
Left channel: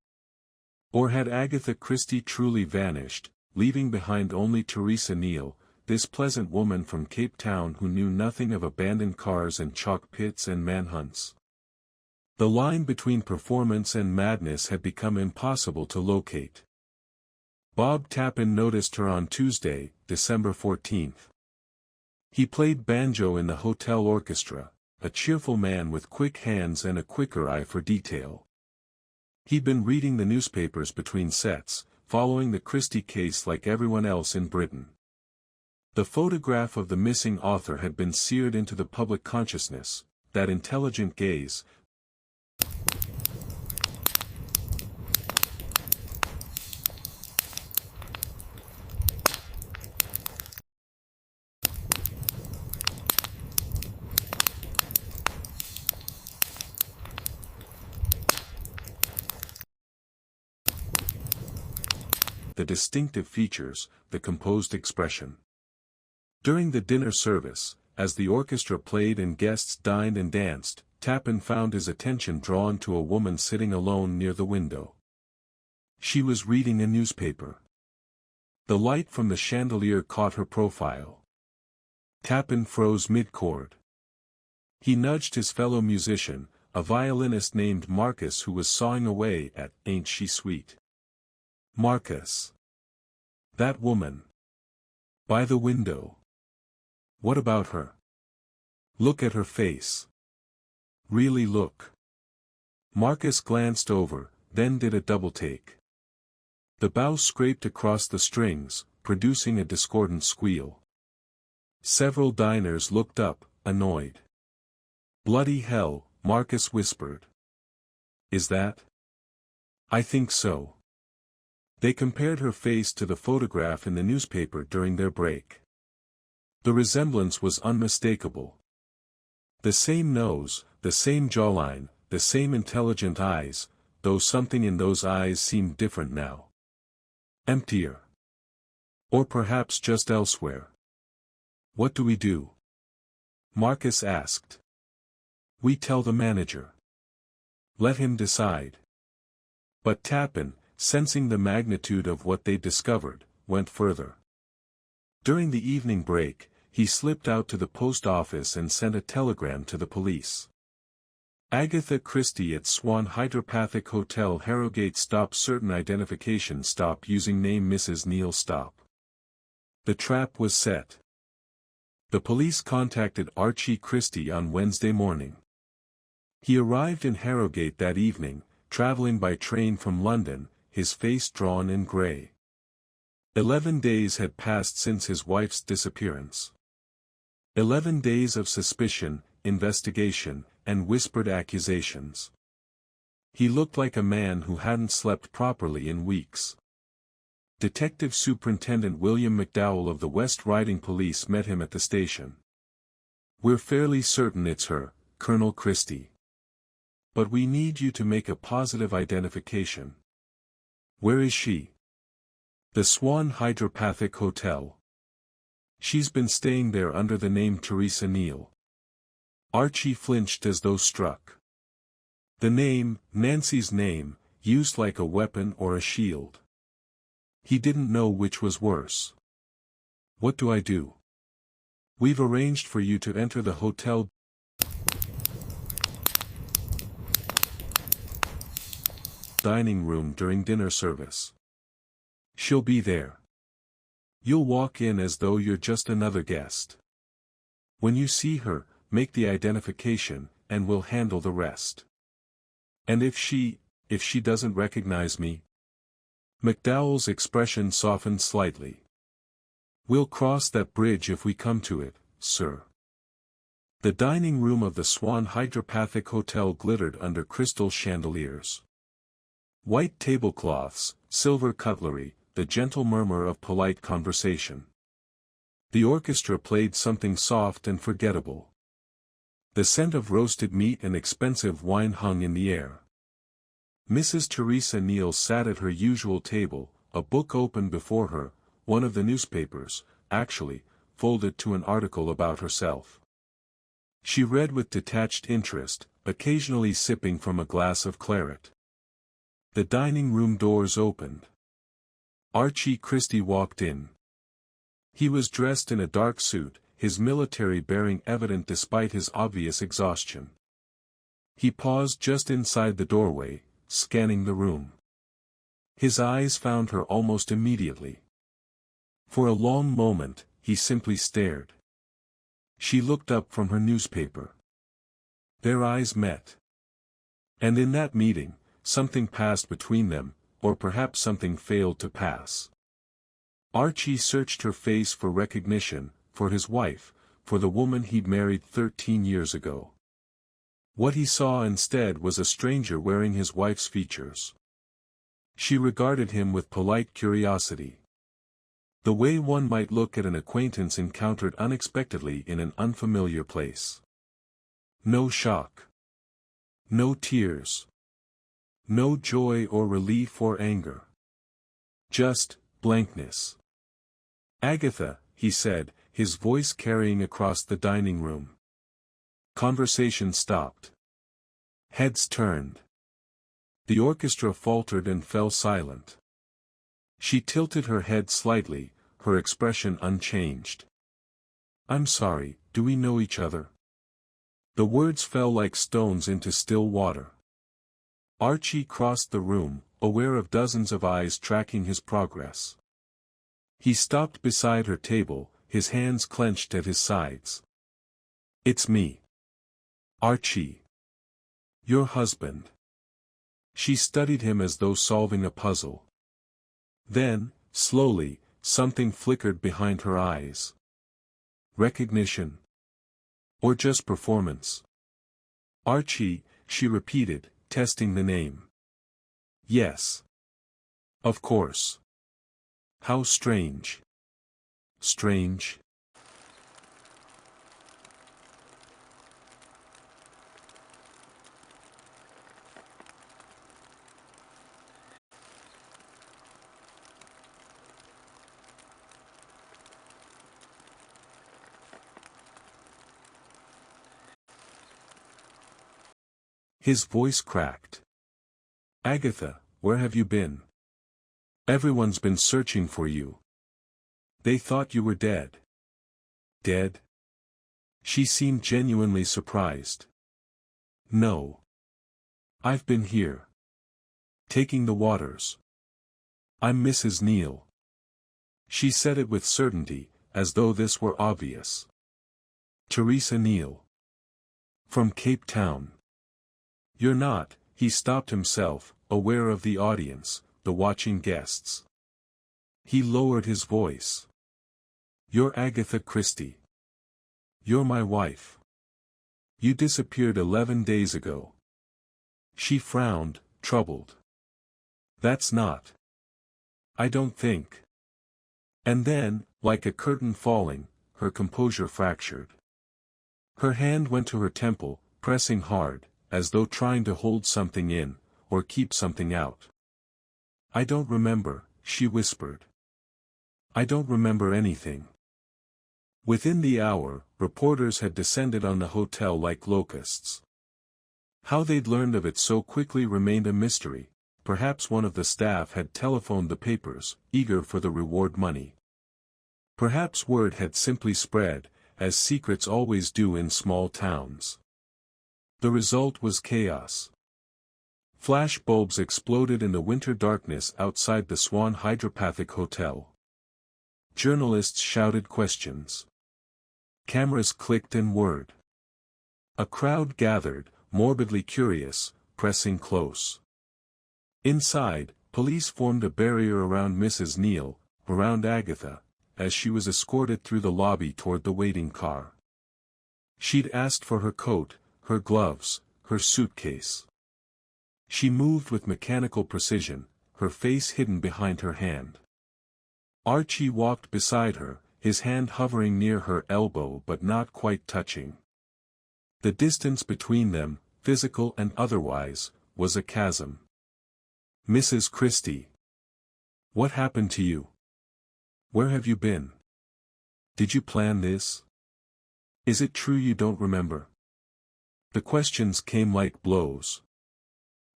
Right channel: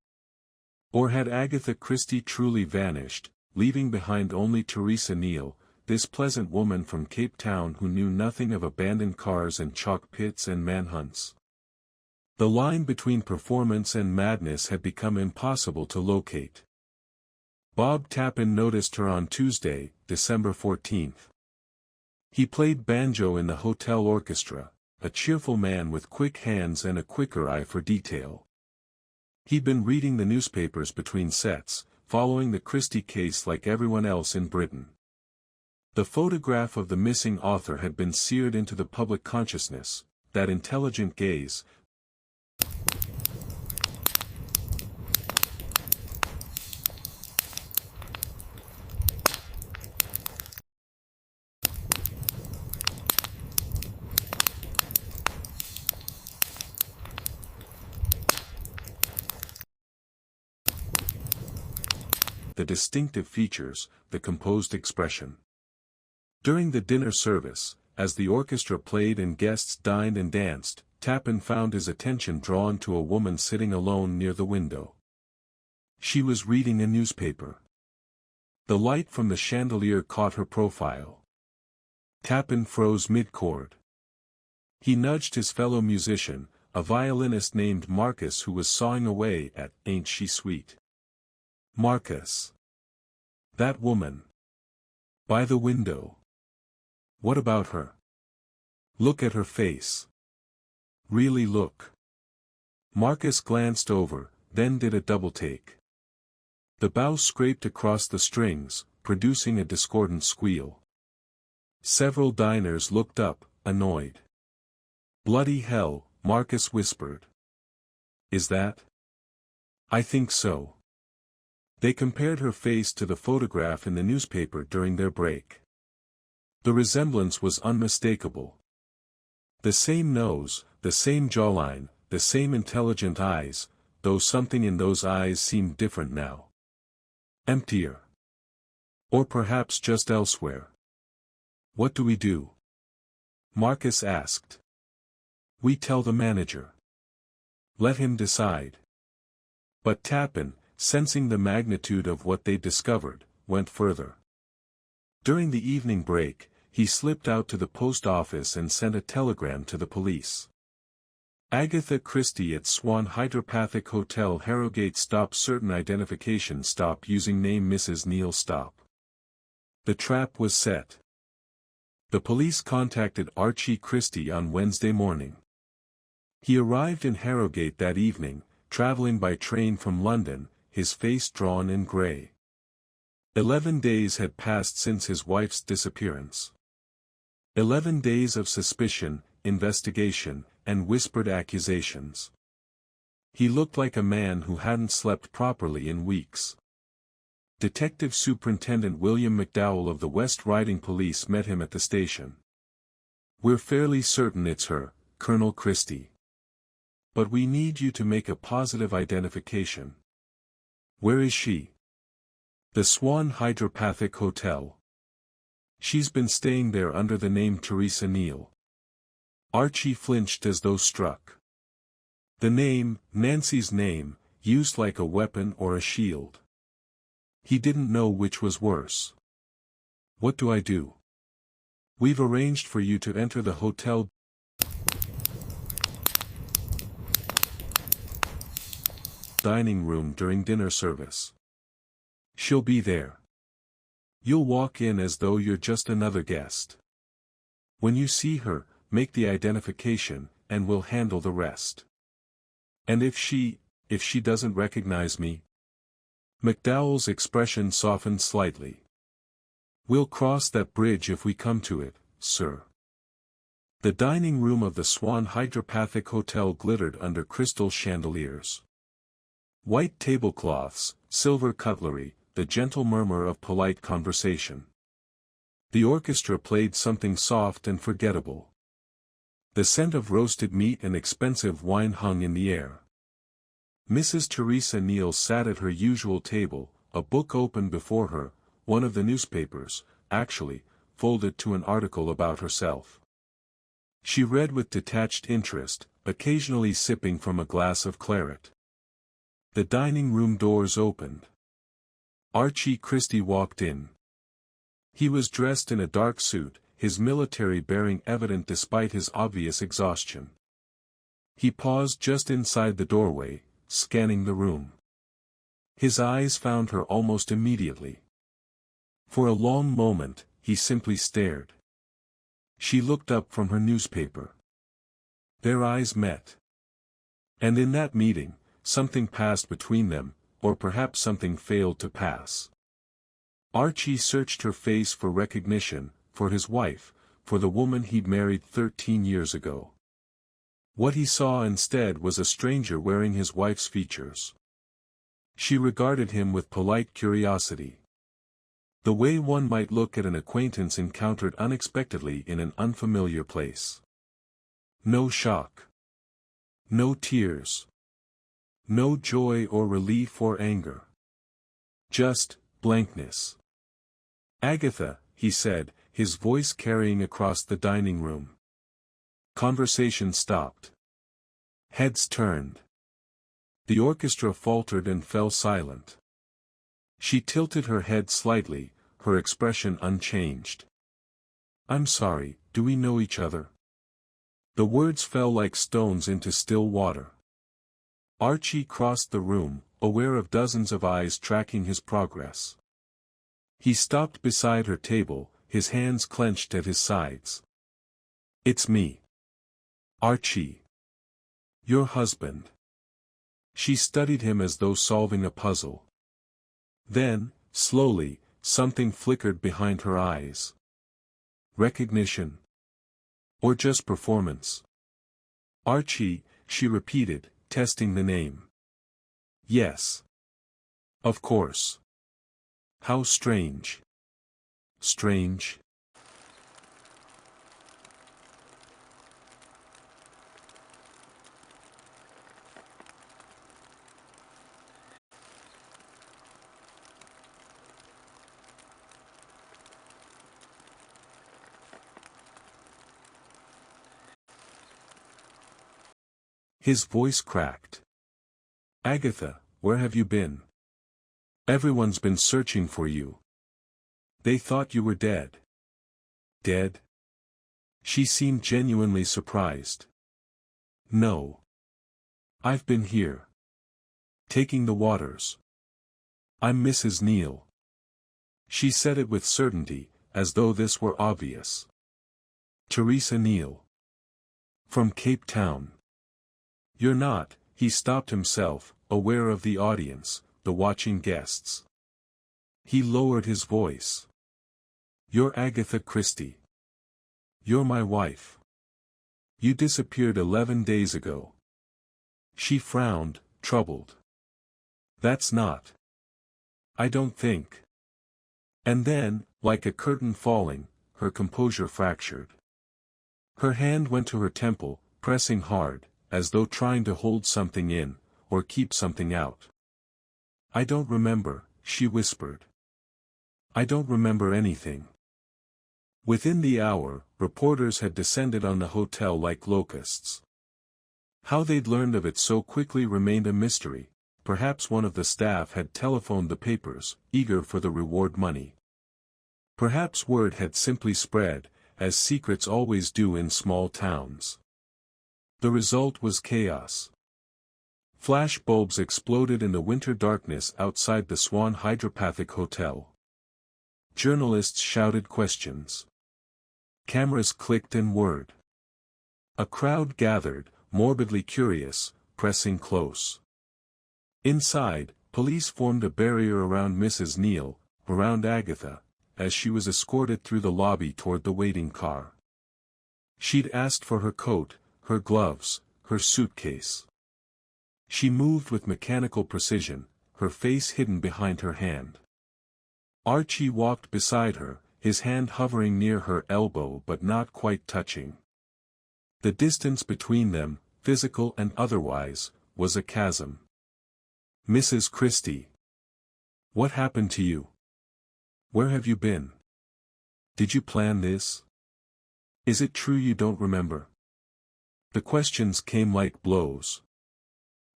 Or had Agatha Christie truly vanished, leaving behind only Teresa Neal, this pleasant woman from Cape Town who knew nothing of abandoned cars and chalk pits and manhunts? The line between performance and madness had become impossible to locate. Bob Tappan noticed her on Tuesday, December 14th. He played banjo in the hotel orchestra, a cheerful man with quick hands and a quicker eye for detail. He'd been reading the newspapers between sets, following the Christie case like everyone else in Britain. The photograph of the missing author had been seared into the public consciousness, that intelligent gaze, the distinctive features, the composed expression. During the dinner service, as the orchestra played and guests dined and danced, Tappan found his attention drawn to a woman sitting alone near the window. She was reading a newspaper. The light from the chandelier caught her profile. Tappan froze mid-chord. He nudged his fellow musician, a violinist named Marcus who was sawing away at "Ain't She Sweet?" Marcus. That woman. By the window. What about her? Look at her face. Really look. Marcus glanced over, then did a double-take. The bow scraped across the strings, producing a discordant squeal. Several diners looked up, annoyed. "Bloody hell," Marcus whispered. "Is that?" "I think so." They compared her face to the photograph in the newspaper during their break. The resemblance was unmistakable. The same nose, the same jawline, the same intelligent eyes, though something in those eyes seemed different now. Emptier. Or perhaps just elsewhere. "What do we do?" Marcus asked. "We tell the manager. Let him decide." But Tappan, sensing the magnitude of what they discovered, went further. During the evening break, he slipped out to the post office and sent a telegram to the police. Agatha Christie at Swan Hydro Hotel Harrogate. Stop certain identification. Stop using name Mrs. Neal. Stop. The trap was set. The police contacted Archie Christie on Wednesday morning. He arrived in Harrogate that evening, traveling by train from London, his face drawn and grey. 11 days had passed since his wife's disappearance. 11 days of suspicion, investigation, and whispered accusations. He looked like a man who hadn't slept properly in weeks. Detective Superintendent William McDowell of the West Riding Police met him at the station. "We're fairly certain it's her, Colonel Christie. But we need you to make a positive identification." "Where is she?" "The Swan Hydro Hotel. She's been staying there under the name Teresa Neal." Archie flinched as though struck. The name, Nancy's name, used like a weapon or a shield. He didn't know which was worse. "What do I do?" "We've arranged for you to enter the hotel dining room during dinner service. She'll be there. You'll walk in as though you're just another guest. When you see her, make the identification, and we'll handle the rest." "And if she doesn't recognize me?" McDowell's expression softened slightly. "We'll cross that bridge if we come to it, sir." The dining room of the Swan Hydro Hotel glittered under crystal chandeliers. White tablecloths, silver cutlery, the gentle murmur of polite conversation. The orchestra played something soft and forgettable. The scent of roasted meat and expensive wine hung in the air. Mrs. Teresa Neal sat at her usual table, a book open before her, one of the newspapers, actually, folded to an article about herself. She read with detached interest, occasionally sipping from a glass of claret. The dining room doors opened. Archie Christie walked in. He was dressed in a dark suit, his military bearing evident despite his obvious exhaustion. He paused just inside the doorway, scanning the room. His eyes found her almost immediately. For a long moment, he simply stared. She looked up from her newspaper. Their eyes met. And in that meeting, something passed between them, or perhaps something failed to pass. Archie searched her face for recognition, for his wife, for the woman he'd married 13 years ago. What he saw instead was a stranger wearing his wife's features. She regarded him with polite curiosity. The way one might look at an acquaintance encountered unexpectedly in an unfamiliar place. No shock. No tears. No joy or relief or anger. Just blankness. "Agatha," he said, his voice carrying across the dining room. Conversation stopped. Heads turned. The orchestra faltered and fell silent. She tilted her head slightly, her expression unchanged. "I'm sorry, do we know each other?" The words fell like stones into still water. Archie crossed the room, aware of dozens of eyes tracking his progress. He stopped beside her table, his hands clenched at his sides. "It's me. Archie. Your husband." She studied him as though solving a puzzle. Then, slowly, something flickered behind her eyes. Recognition? Or just performance? "Archie," she repeated, testing the name. "Yes. Of course. How strange." "Strange?" His voice cracked. "Agatha, where have you been? Everyone's been searching for you. They thought you were dead." "Dead?" She seemed genuinely surprised. "No. I've been here. Taking the waters. I'm Mrs. Neal." She said it with certainty, as though this were obvious. "Teresa Neal. From Cape Town." "You're not," he stopped himself, aware of the audience, the watching guests. He lowered his voice. "You're Agatha Christie. You're my wife. You disappeared 11 days ago." She frowned, troubled. "That's not. I don't think." And then, like a curtain falling, her composure fractured. Her hand went to her temple, pressing hard, as though trying to hold something in, or keep something out. "I don't remember," she whispered. "I don't remember anything." Within the hour, reporters had descended on the hotel like locusts. How they'd learned of it so quickly remained a mystery. Perhaps one of the staff had telephoned the papers, eager for the reward money. Perhaps word had simply spread, as secrets always do in small towns. The result was chaos. Flash bulbs exploded in the winter darkness outside the Swan Hydro Hotel. Journalists shouted questions. Cameras clicked and whirred. A crowd gathered, morbidly curious, pressing close. Inside, police formed a barrier around Mrs. Neal, around Agatha, as she was escorted through the lobby toward the waiting car. She'd asked for her coat, her gloves, her suitcase. She moved with mechanical precision, her face hidden behind her hand. Archie walked beside her, his hand hovering near her elbow but not quite touching. The distance between them, physical and otherwise, was a chasm. Mrs. Christie. What happened to you? Where have you been? Did you plan this? Is it true you don't remember? The questions came like blows.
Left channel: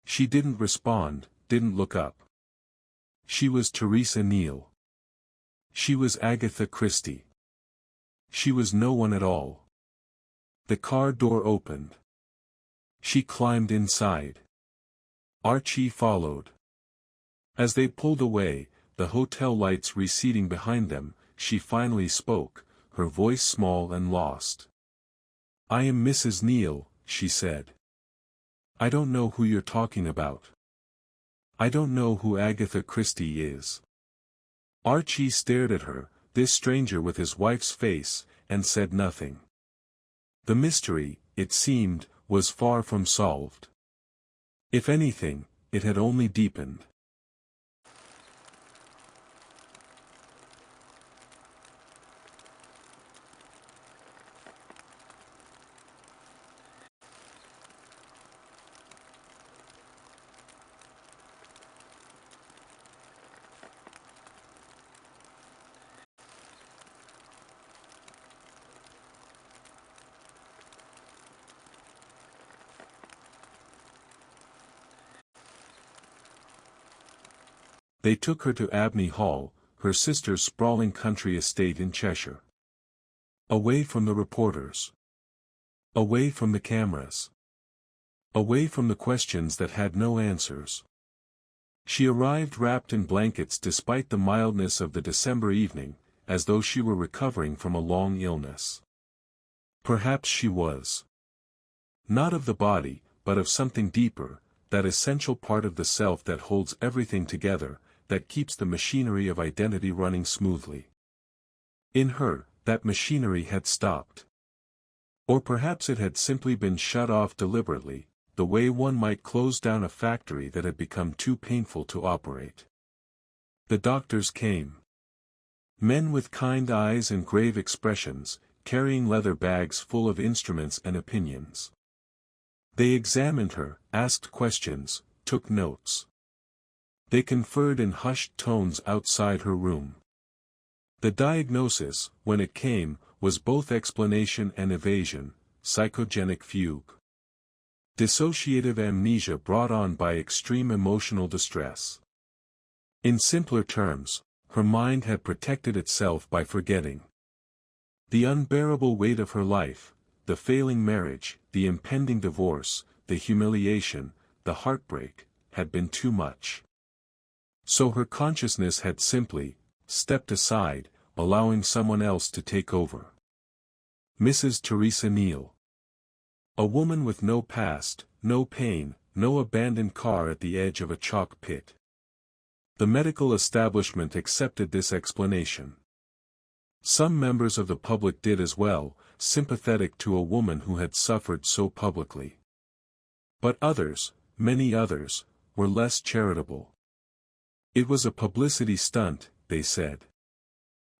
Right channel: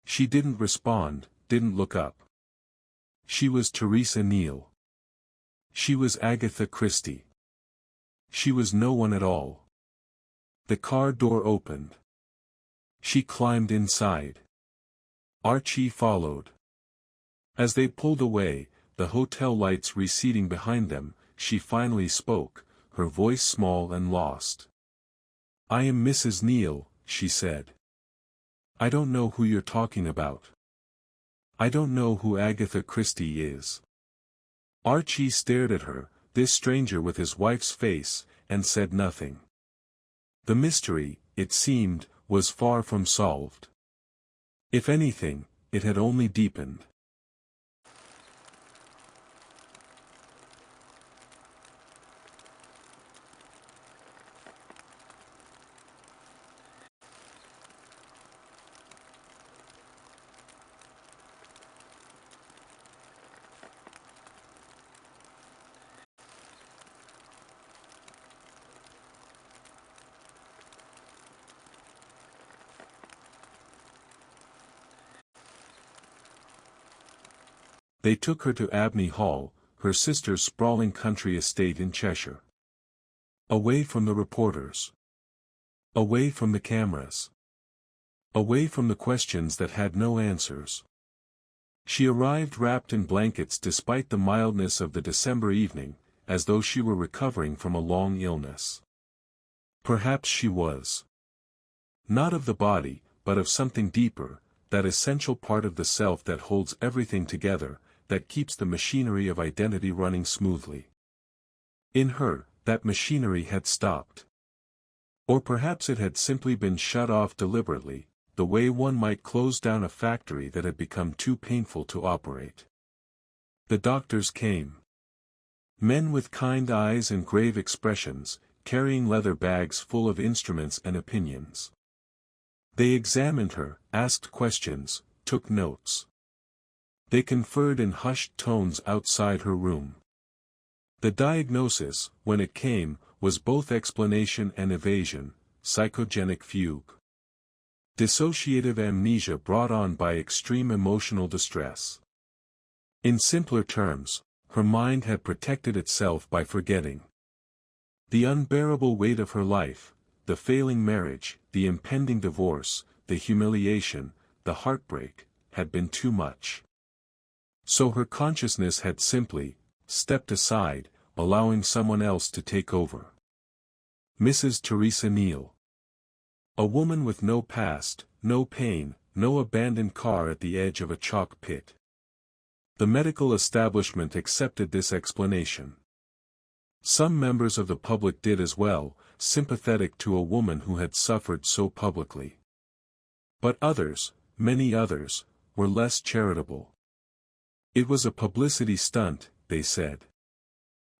She didn't respond, didn't look up. She was Teresa Neal. She was Agatha Christie. She was no one at all. The car door opened. She climbed inside. Archie followed. As they pulled away, the hotel lights receding behind them, she finally spoke, her voice small and lost. "I am Mrs. Neal," she said. "I don't know who you're talking about. I don't know who Agatha Christie is." Archie stared at her, this stranger with his wife's face, and said nothing. The mystery, it seemed, was far from solved. If anything, it had only deepened. They took her to Abney Hall, her sister's sprawling country estate in Cheshire. Away from the reporters. Away from the cameras. Away from the questions that had no answers. She arrived wrapped in blankets despite the mildness of the December evening, as though she were recovering from a long illness. Perhaps she was. Not of the body, but of something deeper, that essential part of the self that holds everything together, that keeps the machinery of identity running smoothly. In her, that machinery had stopped. Or perhaps it had simply been shut off deliberately, the way one might close down a factory that had become too painful to operate. The doctors came. Men with kind eyes and grave expressions, carrying leather bags full of instruments and opinions. They examined her, asked questions, took notes. They conferred in hushed tones outside her room. The diagnosis, when it came, was both explanation and evasion, psychogenic fugue. Dissociative amnesia brought on by extreme emotional distress. In simpler terms, her mind had protected itself by forgetting. The unbearable weight of her life, the failing marriage, the impending divorce, the humiliation, the heartbreak, had been too much. So her consciousness had simply stepped aside, allowing someone else to take over. Mrs. Teresa Neal. A woman with no past, no pain, no abandoned car at the edge of a chalk pit. The medical establishment accepted this explanation. Some members of the public did as well, sympathetic to a woman who had suffered so publicly. But others, many others, were less charitable. It was a publicity stunt, they said.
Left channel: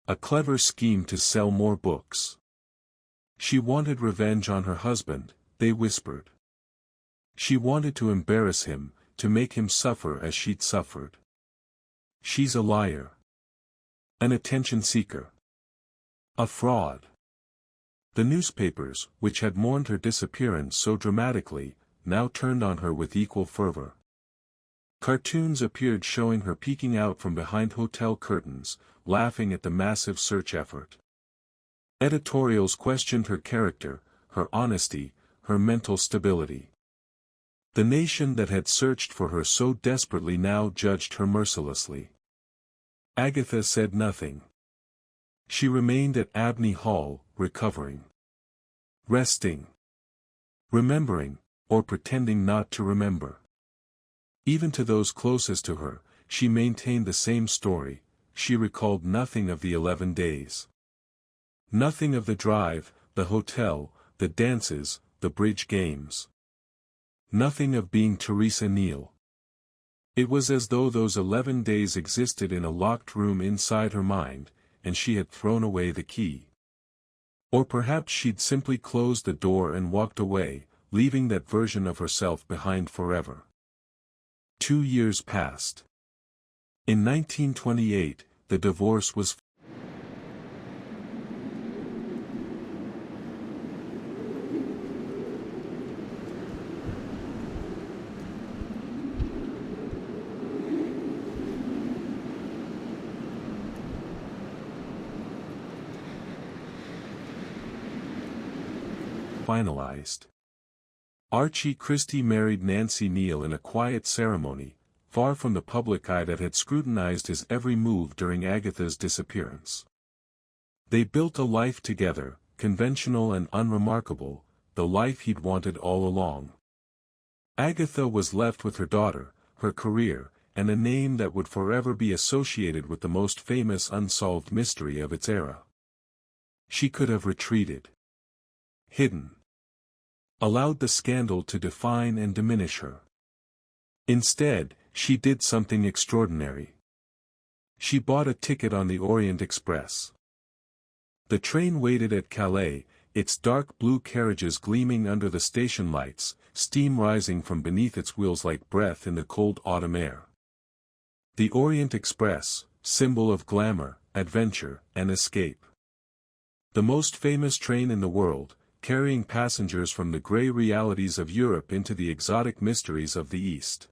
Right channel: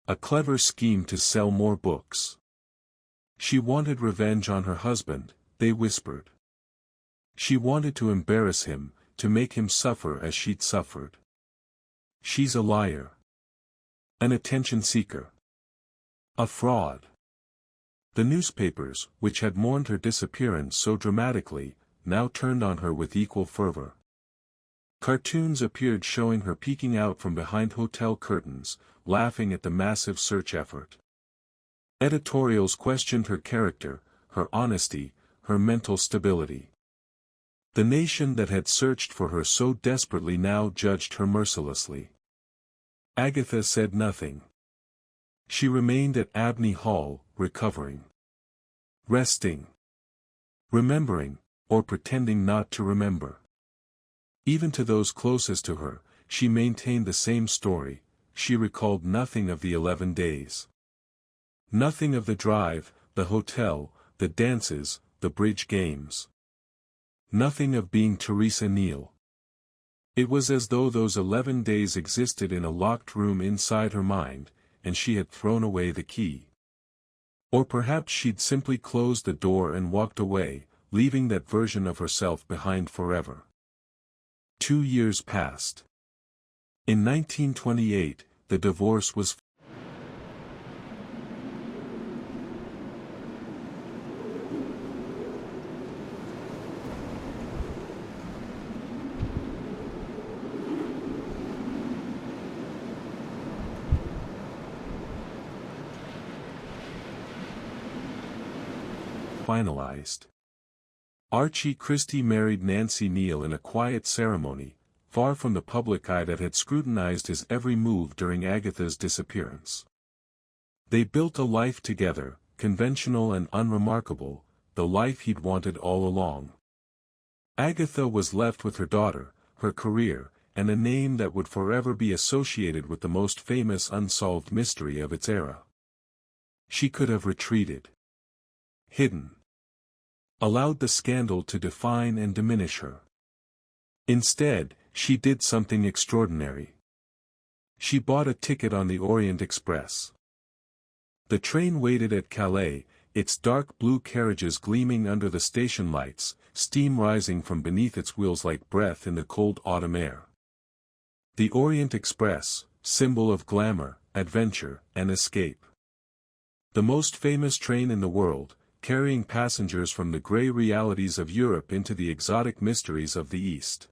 A clever scheme to sell more books. She wanted revenge on her husband, they whispered. She wanted to embarrass him, to make him suffer as she'd suffered. She's a liar. An attention seeker. A fraud. The newspapers, which had mourned her disappearance so dramatically, now turned on her with equal fervor. Cartoons appeared showing her peeking out from behind hotel curtains, laughing at the massive search effort. Editorials questioned her character, her honesty, her mental stability. The nation that had searched for her so desperately now judged her mercilessly. Agatha said nothing. She remained at Abney Hall, recovering. Resting. Remembering, or pretending not to remember. Even to those closest to her, she maintained the same story, she recalled nothing of the 11 days. Nothing of the drive, the hotel, the dances, the bridge games. Nothing of being Teresa Neal. It was as though those 11 days existed in a locked room inside her mind, and she had thrown away the key. Or perhaps she'd simply closed the door and walked away, leaving that version of herself behind forever. 2 years passed. In 1928, the divorce was finalized. Archie Christie married Nancy Neal in a quiet ceremony, far from the public eye that had scrutinized his every move during Agatha's disappearance. They built a life together, conventional and unremarkable, the life he'd wanted all along. Agatha was left with her daughter, her career, and a name that would forever be associated with the most famous unsolved mystery of its era. She could have retreated. Hidden. Allowed the scandal to define and diminish her. Instead, she did something extraordinary. She bought a ticket on the Orient Express. The train waited at Calais, its dark blue carriages gleaming under the station lights, steam rising from beneath its wheels like breath in the cold autumn air. The Orient Express, symbol of glamour, adventure, and escape. The most famous train in the world, carrying passengers from the grey realities of Europe into the exotic mysteries of the East.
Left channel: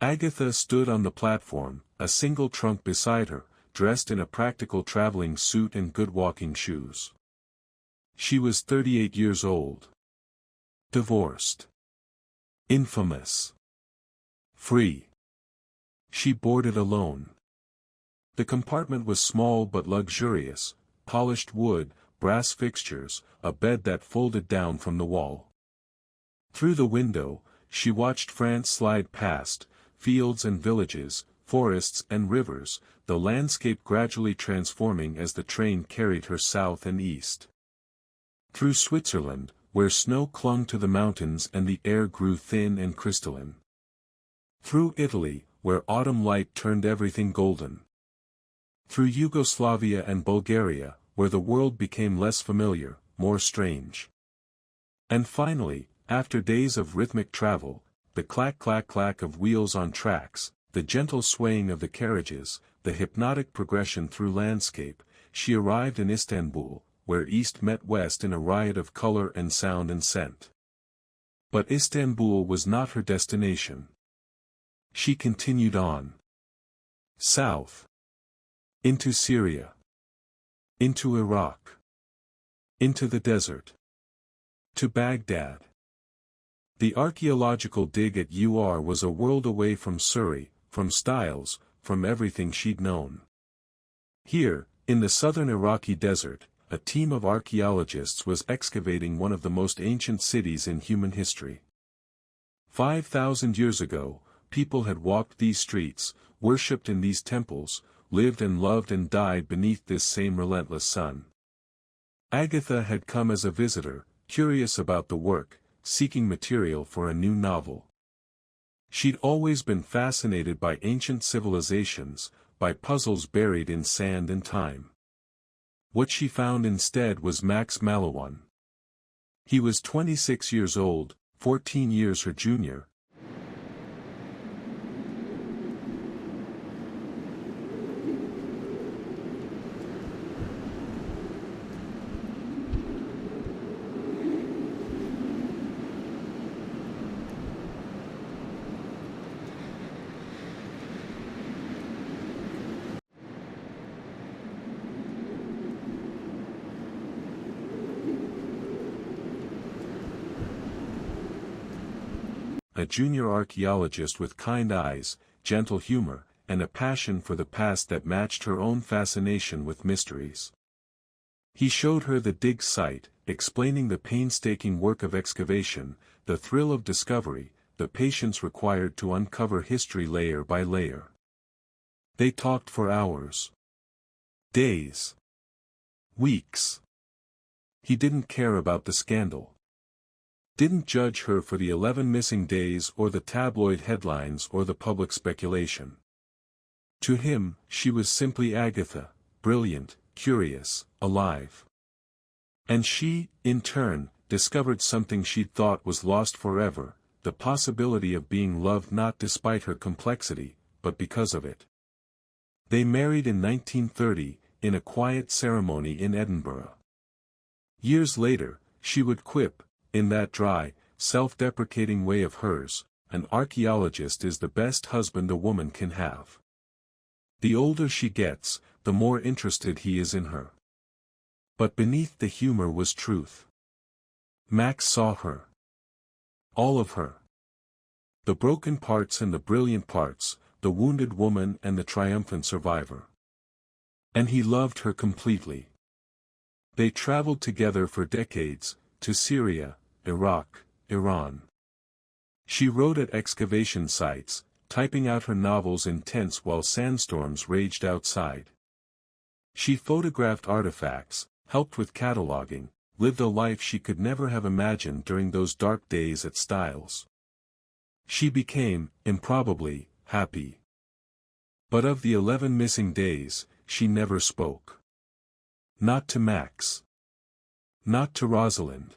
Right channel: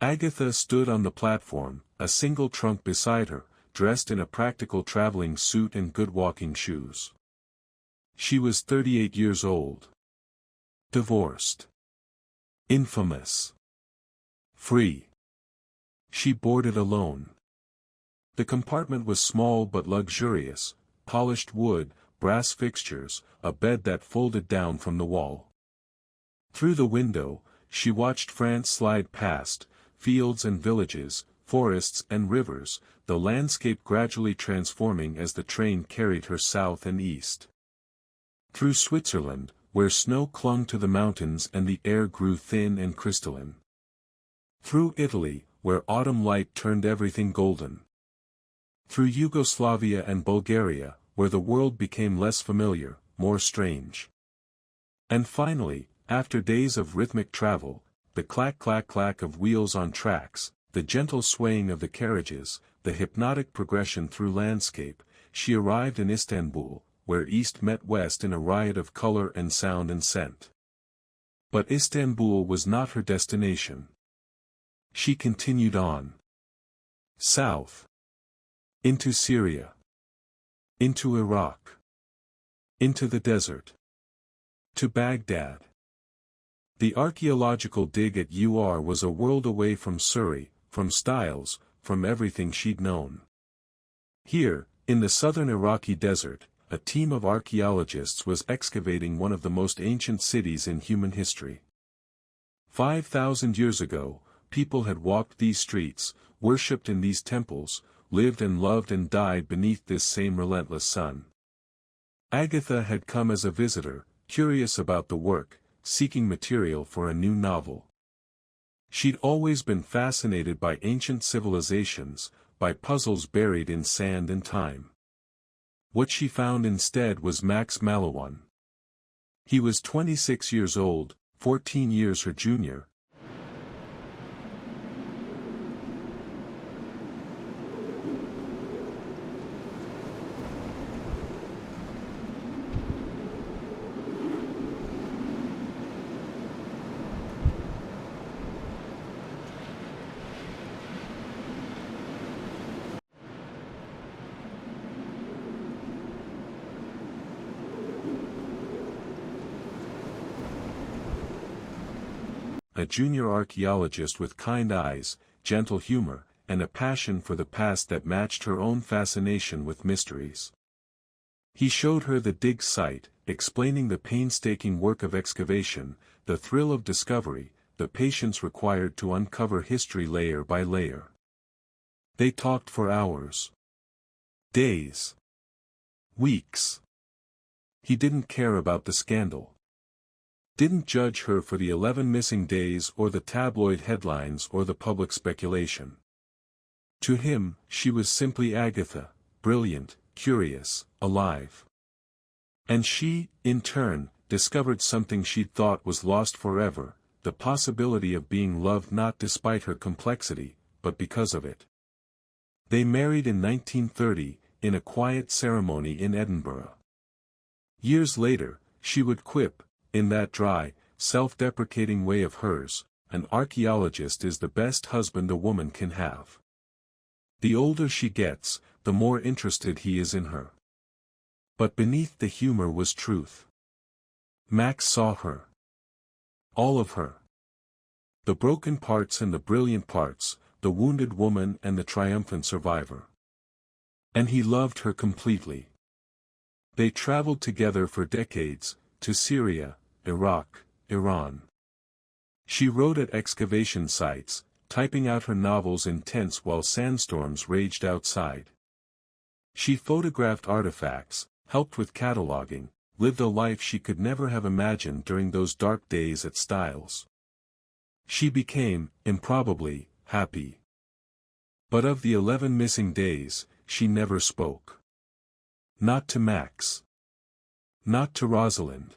Agatha stood on the platform, a single trunk beside her, dressed in a practical traveling suit and good walking shoes. She was 38 years old. Divorced. Infamous. Free. She boarded alone. The compartment was small but luxurious, polished wood, brass fixtures, a bed that folded down from the wall. Through the window, she watched France slide past, fields and villages, forests and rivers, the landscape gradually transforming as the train carried her south and east. Through Switzerland, where snow clung to the mountains and the air grew thin and crystalline. Through Italy, where autumn light turned everything golden. Through Yugoslavia and Bulgaria, where the world became less familiar, more strange. And finally, after days of rhythmic travel, the clack-clack-clack of wheels on tracks, the gentle swaying of the carriages, the hypnotic progression through landscape, she arrived in Istanbul, where East met West in a riot of color and sound and scent. But Istanbul was not her destination. She continued on. South. Into Syria. Into Iraq. Into the desert. To Baghdad. The archaeological dig at Ur was a world away from Surrey, from Styles, from everything she'd known. Here, in the southern Iraqi desert, a team of archaeologists was excavating one of the most ancient cities in human history. 5,000 years ago, people had walked these streets, worshipped in these temples, lived and loved and died beneath this same relentless sun. Agatha had come as a visitor, curious about the work, seeking material for a new novel. She'd always been fascinated by ancient civilizations, by puzzles buried in sand and time. What she found instead was Max Mallowan. He was 26 years old, 14 years her junior. A junior archaeologist with kind eyes, gentle humor, and a passion for the past that matched her own fascination with mysteries. He showed her the dig site, explaining the painstaking work of excavation, the thrill of discovery, the patience required to uncover history layer by layer. They talked for hours. Days. Weeks. He didn't care about the scandal. Didn't judge her for the 11 missing days or the tabloid headlines or the public speculation. To him, she was simply Agatha, brilliant, curious, alive. And she, in turn, discovered something she'd thought was lost forever, the possibility of being loved not despite her complexity, but because of it. They married in 1930, in a quiet ceremony in Edinburgh. Years later, she would quip, in that dry, self-deprecating way of hers, "An archaeologist is the best husband a woman can have. The older she gets, the more interested he is in her." But beneath the humor was truth. Max saw her. All of her. The broken parts and the brilliant parts, the wounded woman and the triumphant survivor. And he loved her completely. They traveled together for decades, to Syria, Iraq, Iran. She wrote at excavation sites, typing out her novels in tents while sandstorms raged outside. She photographed artifacts, helped with cataloging, lived a life she could never have imagined during those dark days at Styles. She became, improbably, happy. But of the 11 missing days, she never spoke. Not to Max. Not to Rosalind.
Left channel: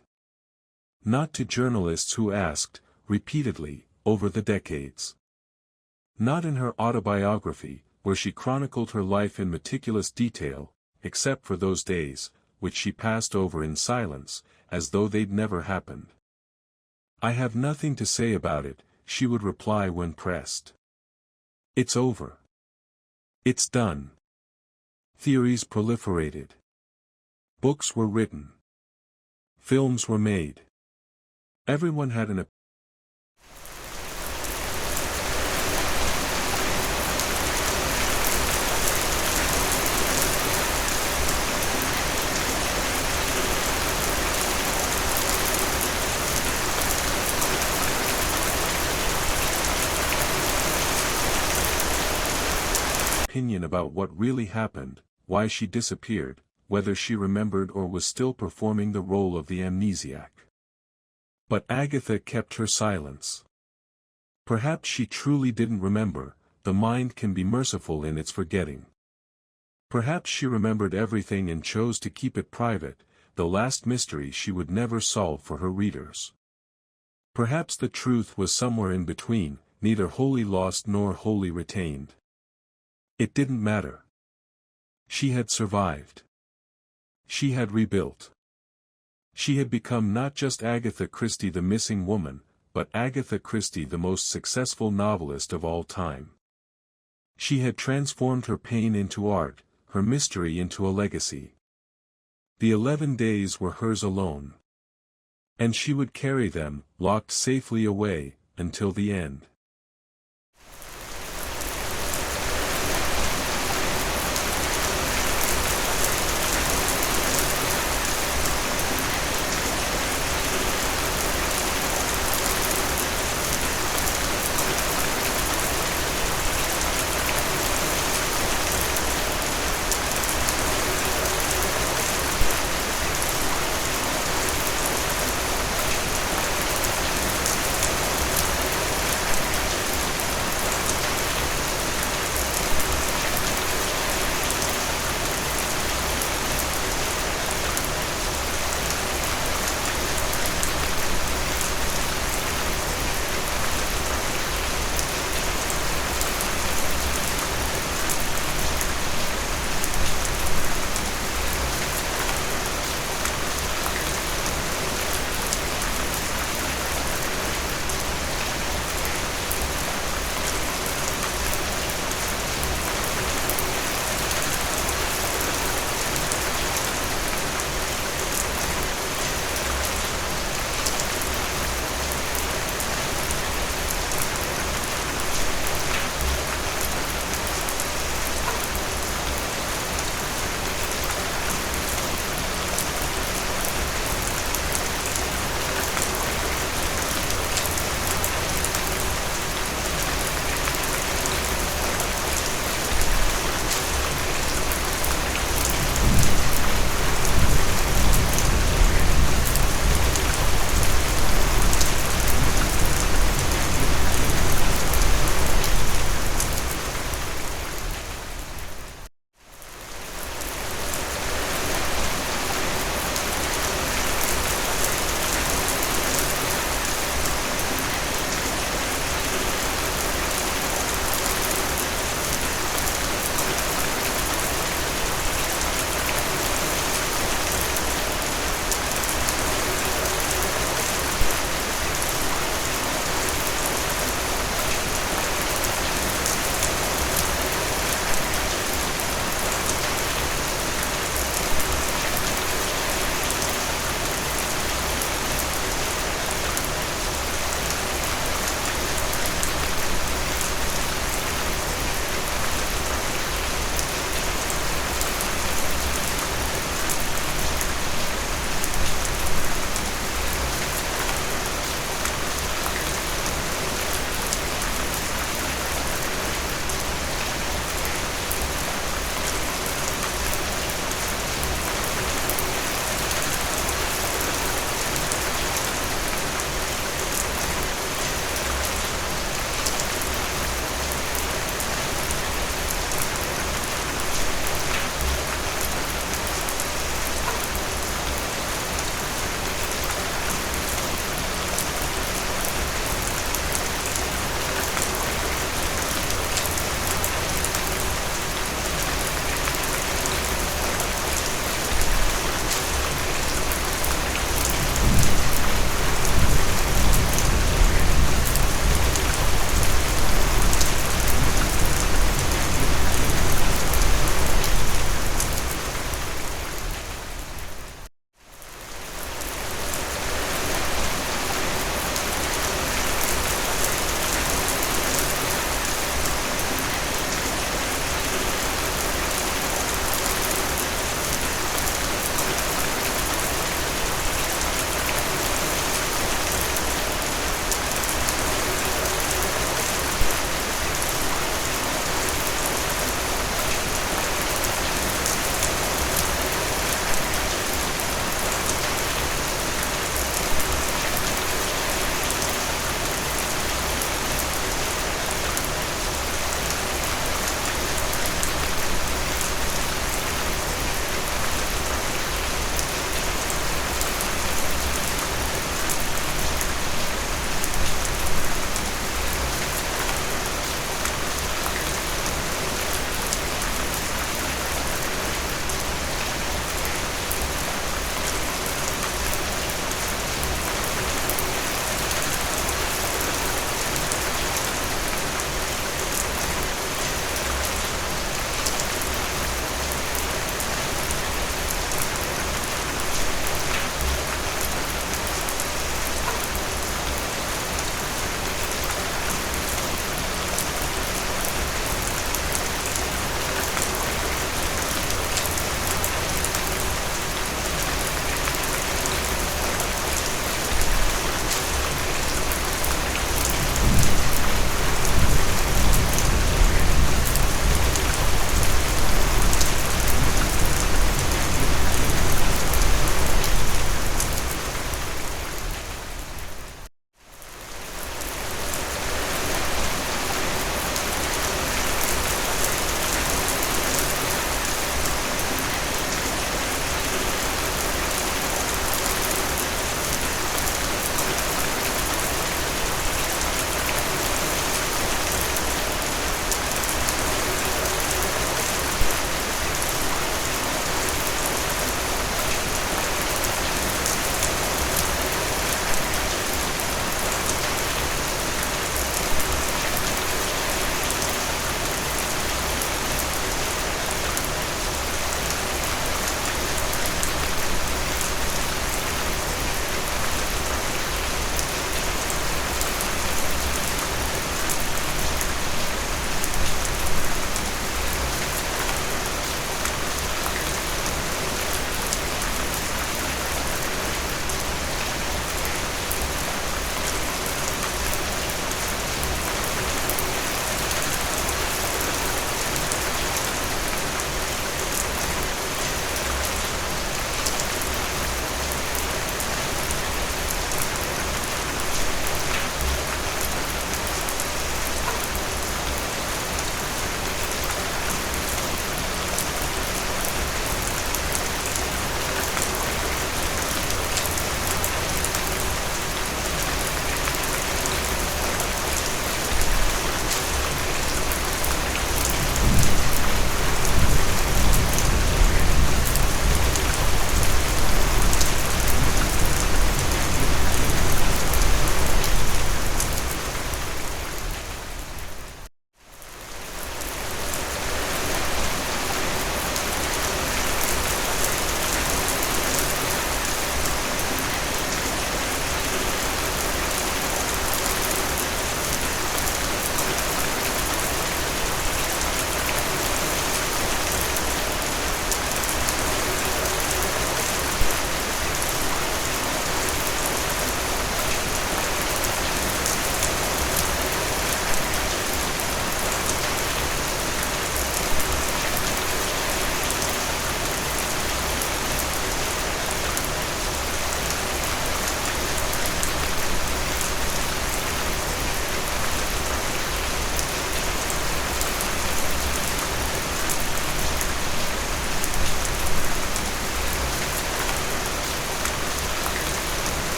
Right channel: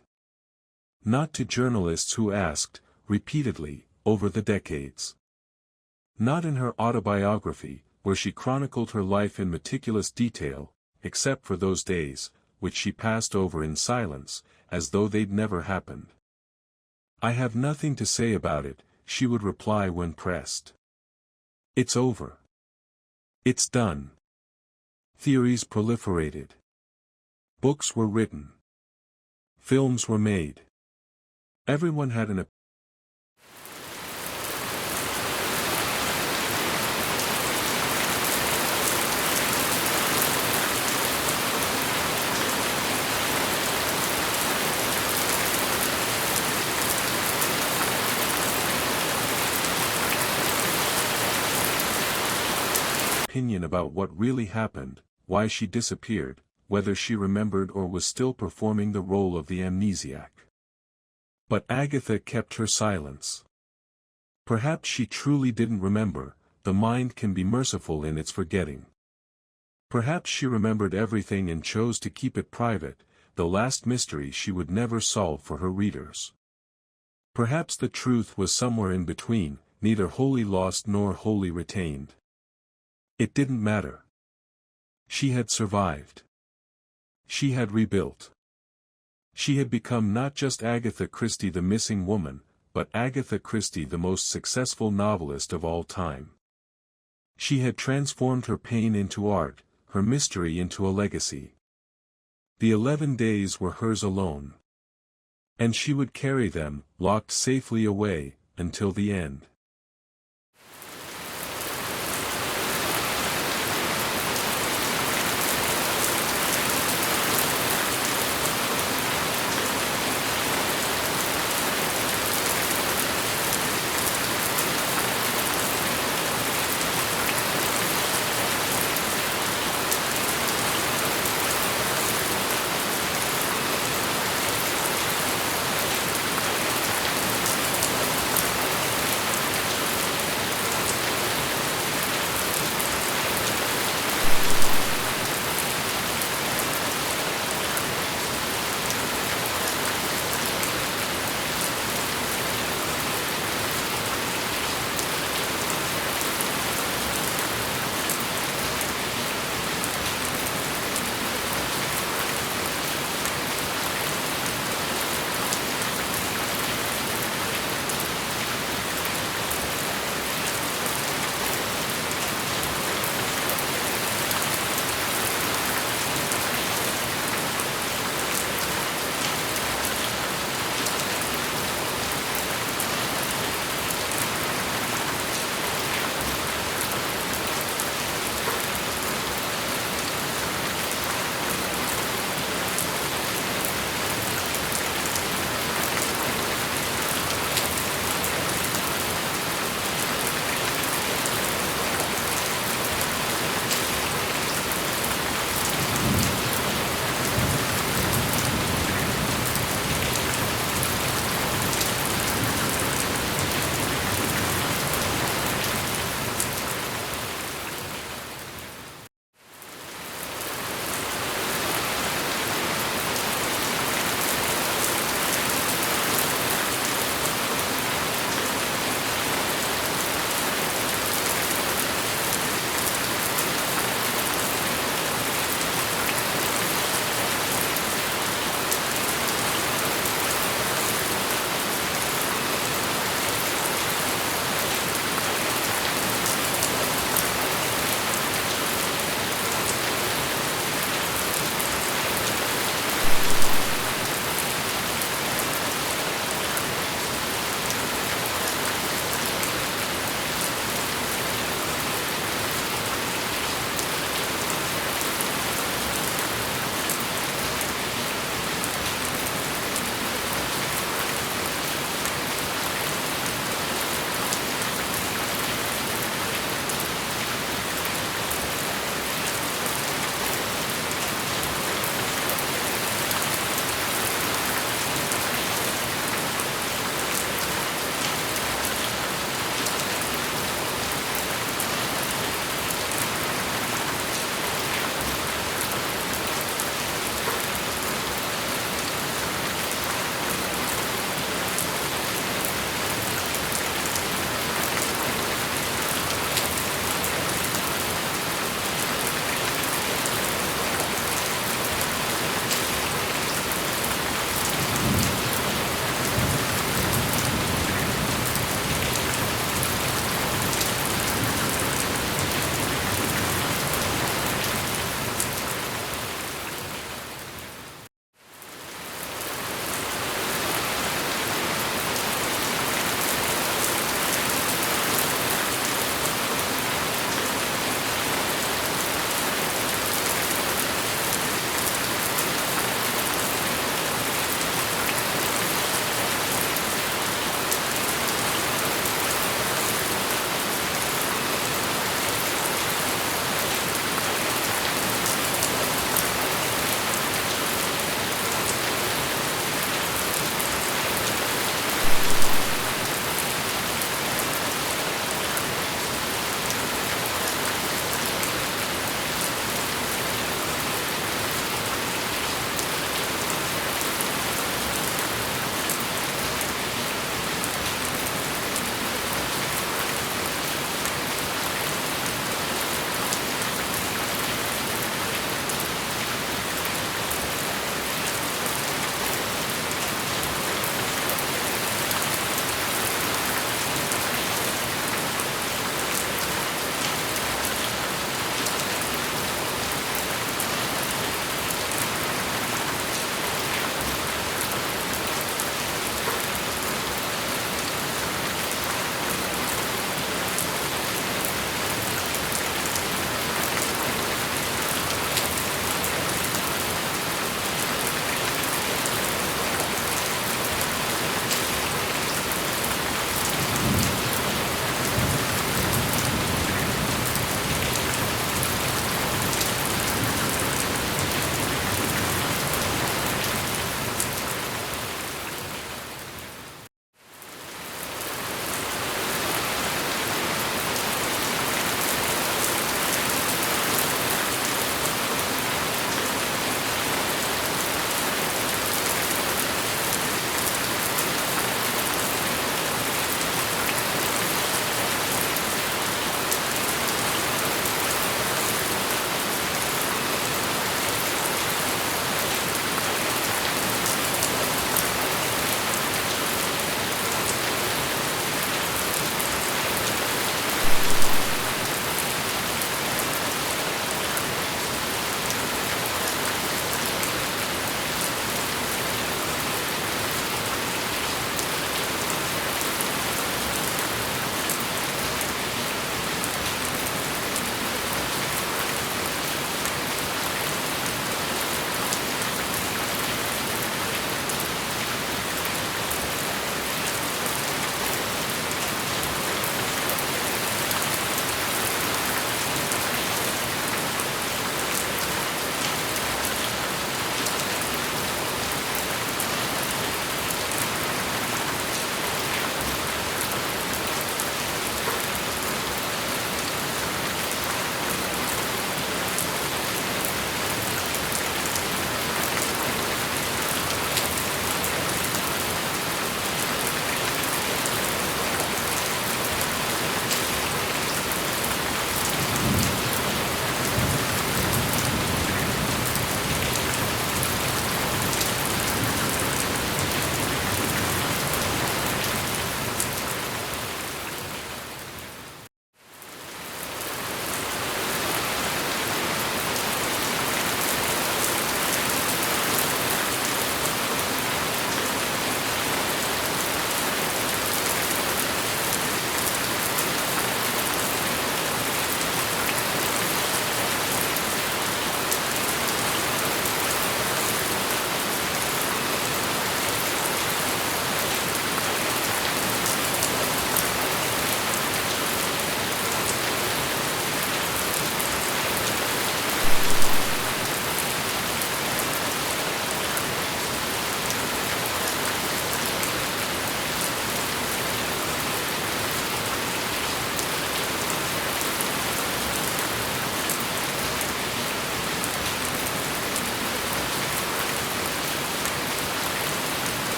Not to journalists who asked, repeatedly, over the decades. Not in her autobiography, where she chronicled her life in meticulous detail, except for those days, which she passed over in silence, as though they'd never happened. "I have nothing to say about it," she would reply when pressed. "It's over. It's done." Theories proliferated. Books were written. Films were made. Everyone had an opinion about what really happened, why she disappeared, whether she remembered or was still performing the role of the amnesiac. But Agatha kept her silence. Perhaps she truly didn't remember, the mind can be merciful in its forgetting. Perhaps she remembered everything and chose to keep it private, the last mystery she would never solve for her readers. Perhaps the truth was somewhere in between, neither wholly lost nor wholly retained. It didn't matter. She had survived. She had rebuilt. She had become not just Agatha Christie the missing woman, but Agatha Christie the most successful novelist of all time. She had transformed her pain into art, her mystery into a legacy. The 11 days were hers alone. And she would carry them, locked safely away, until the end.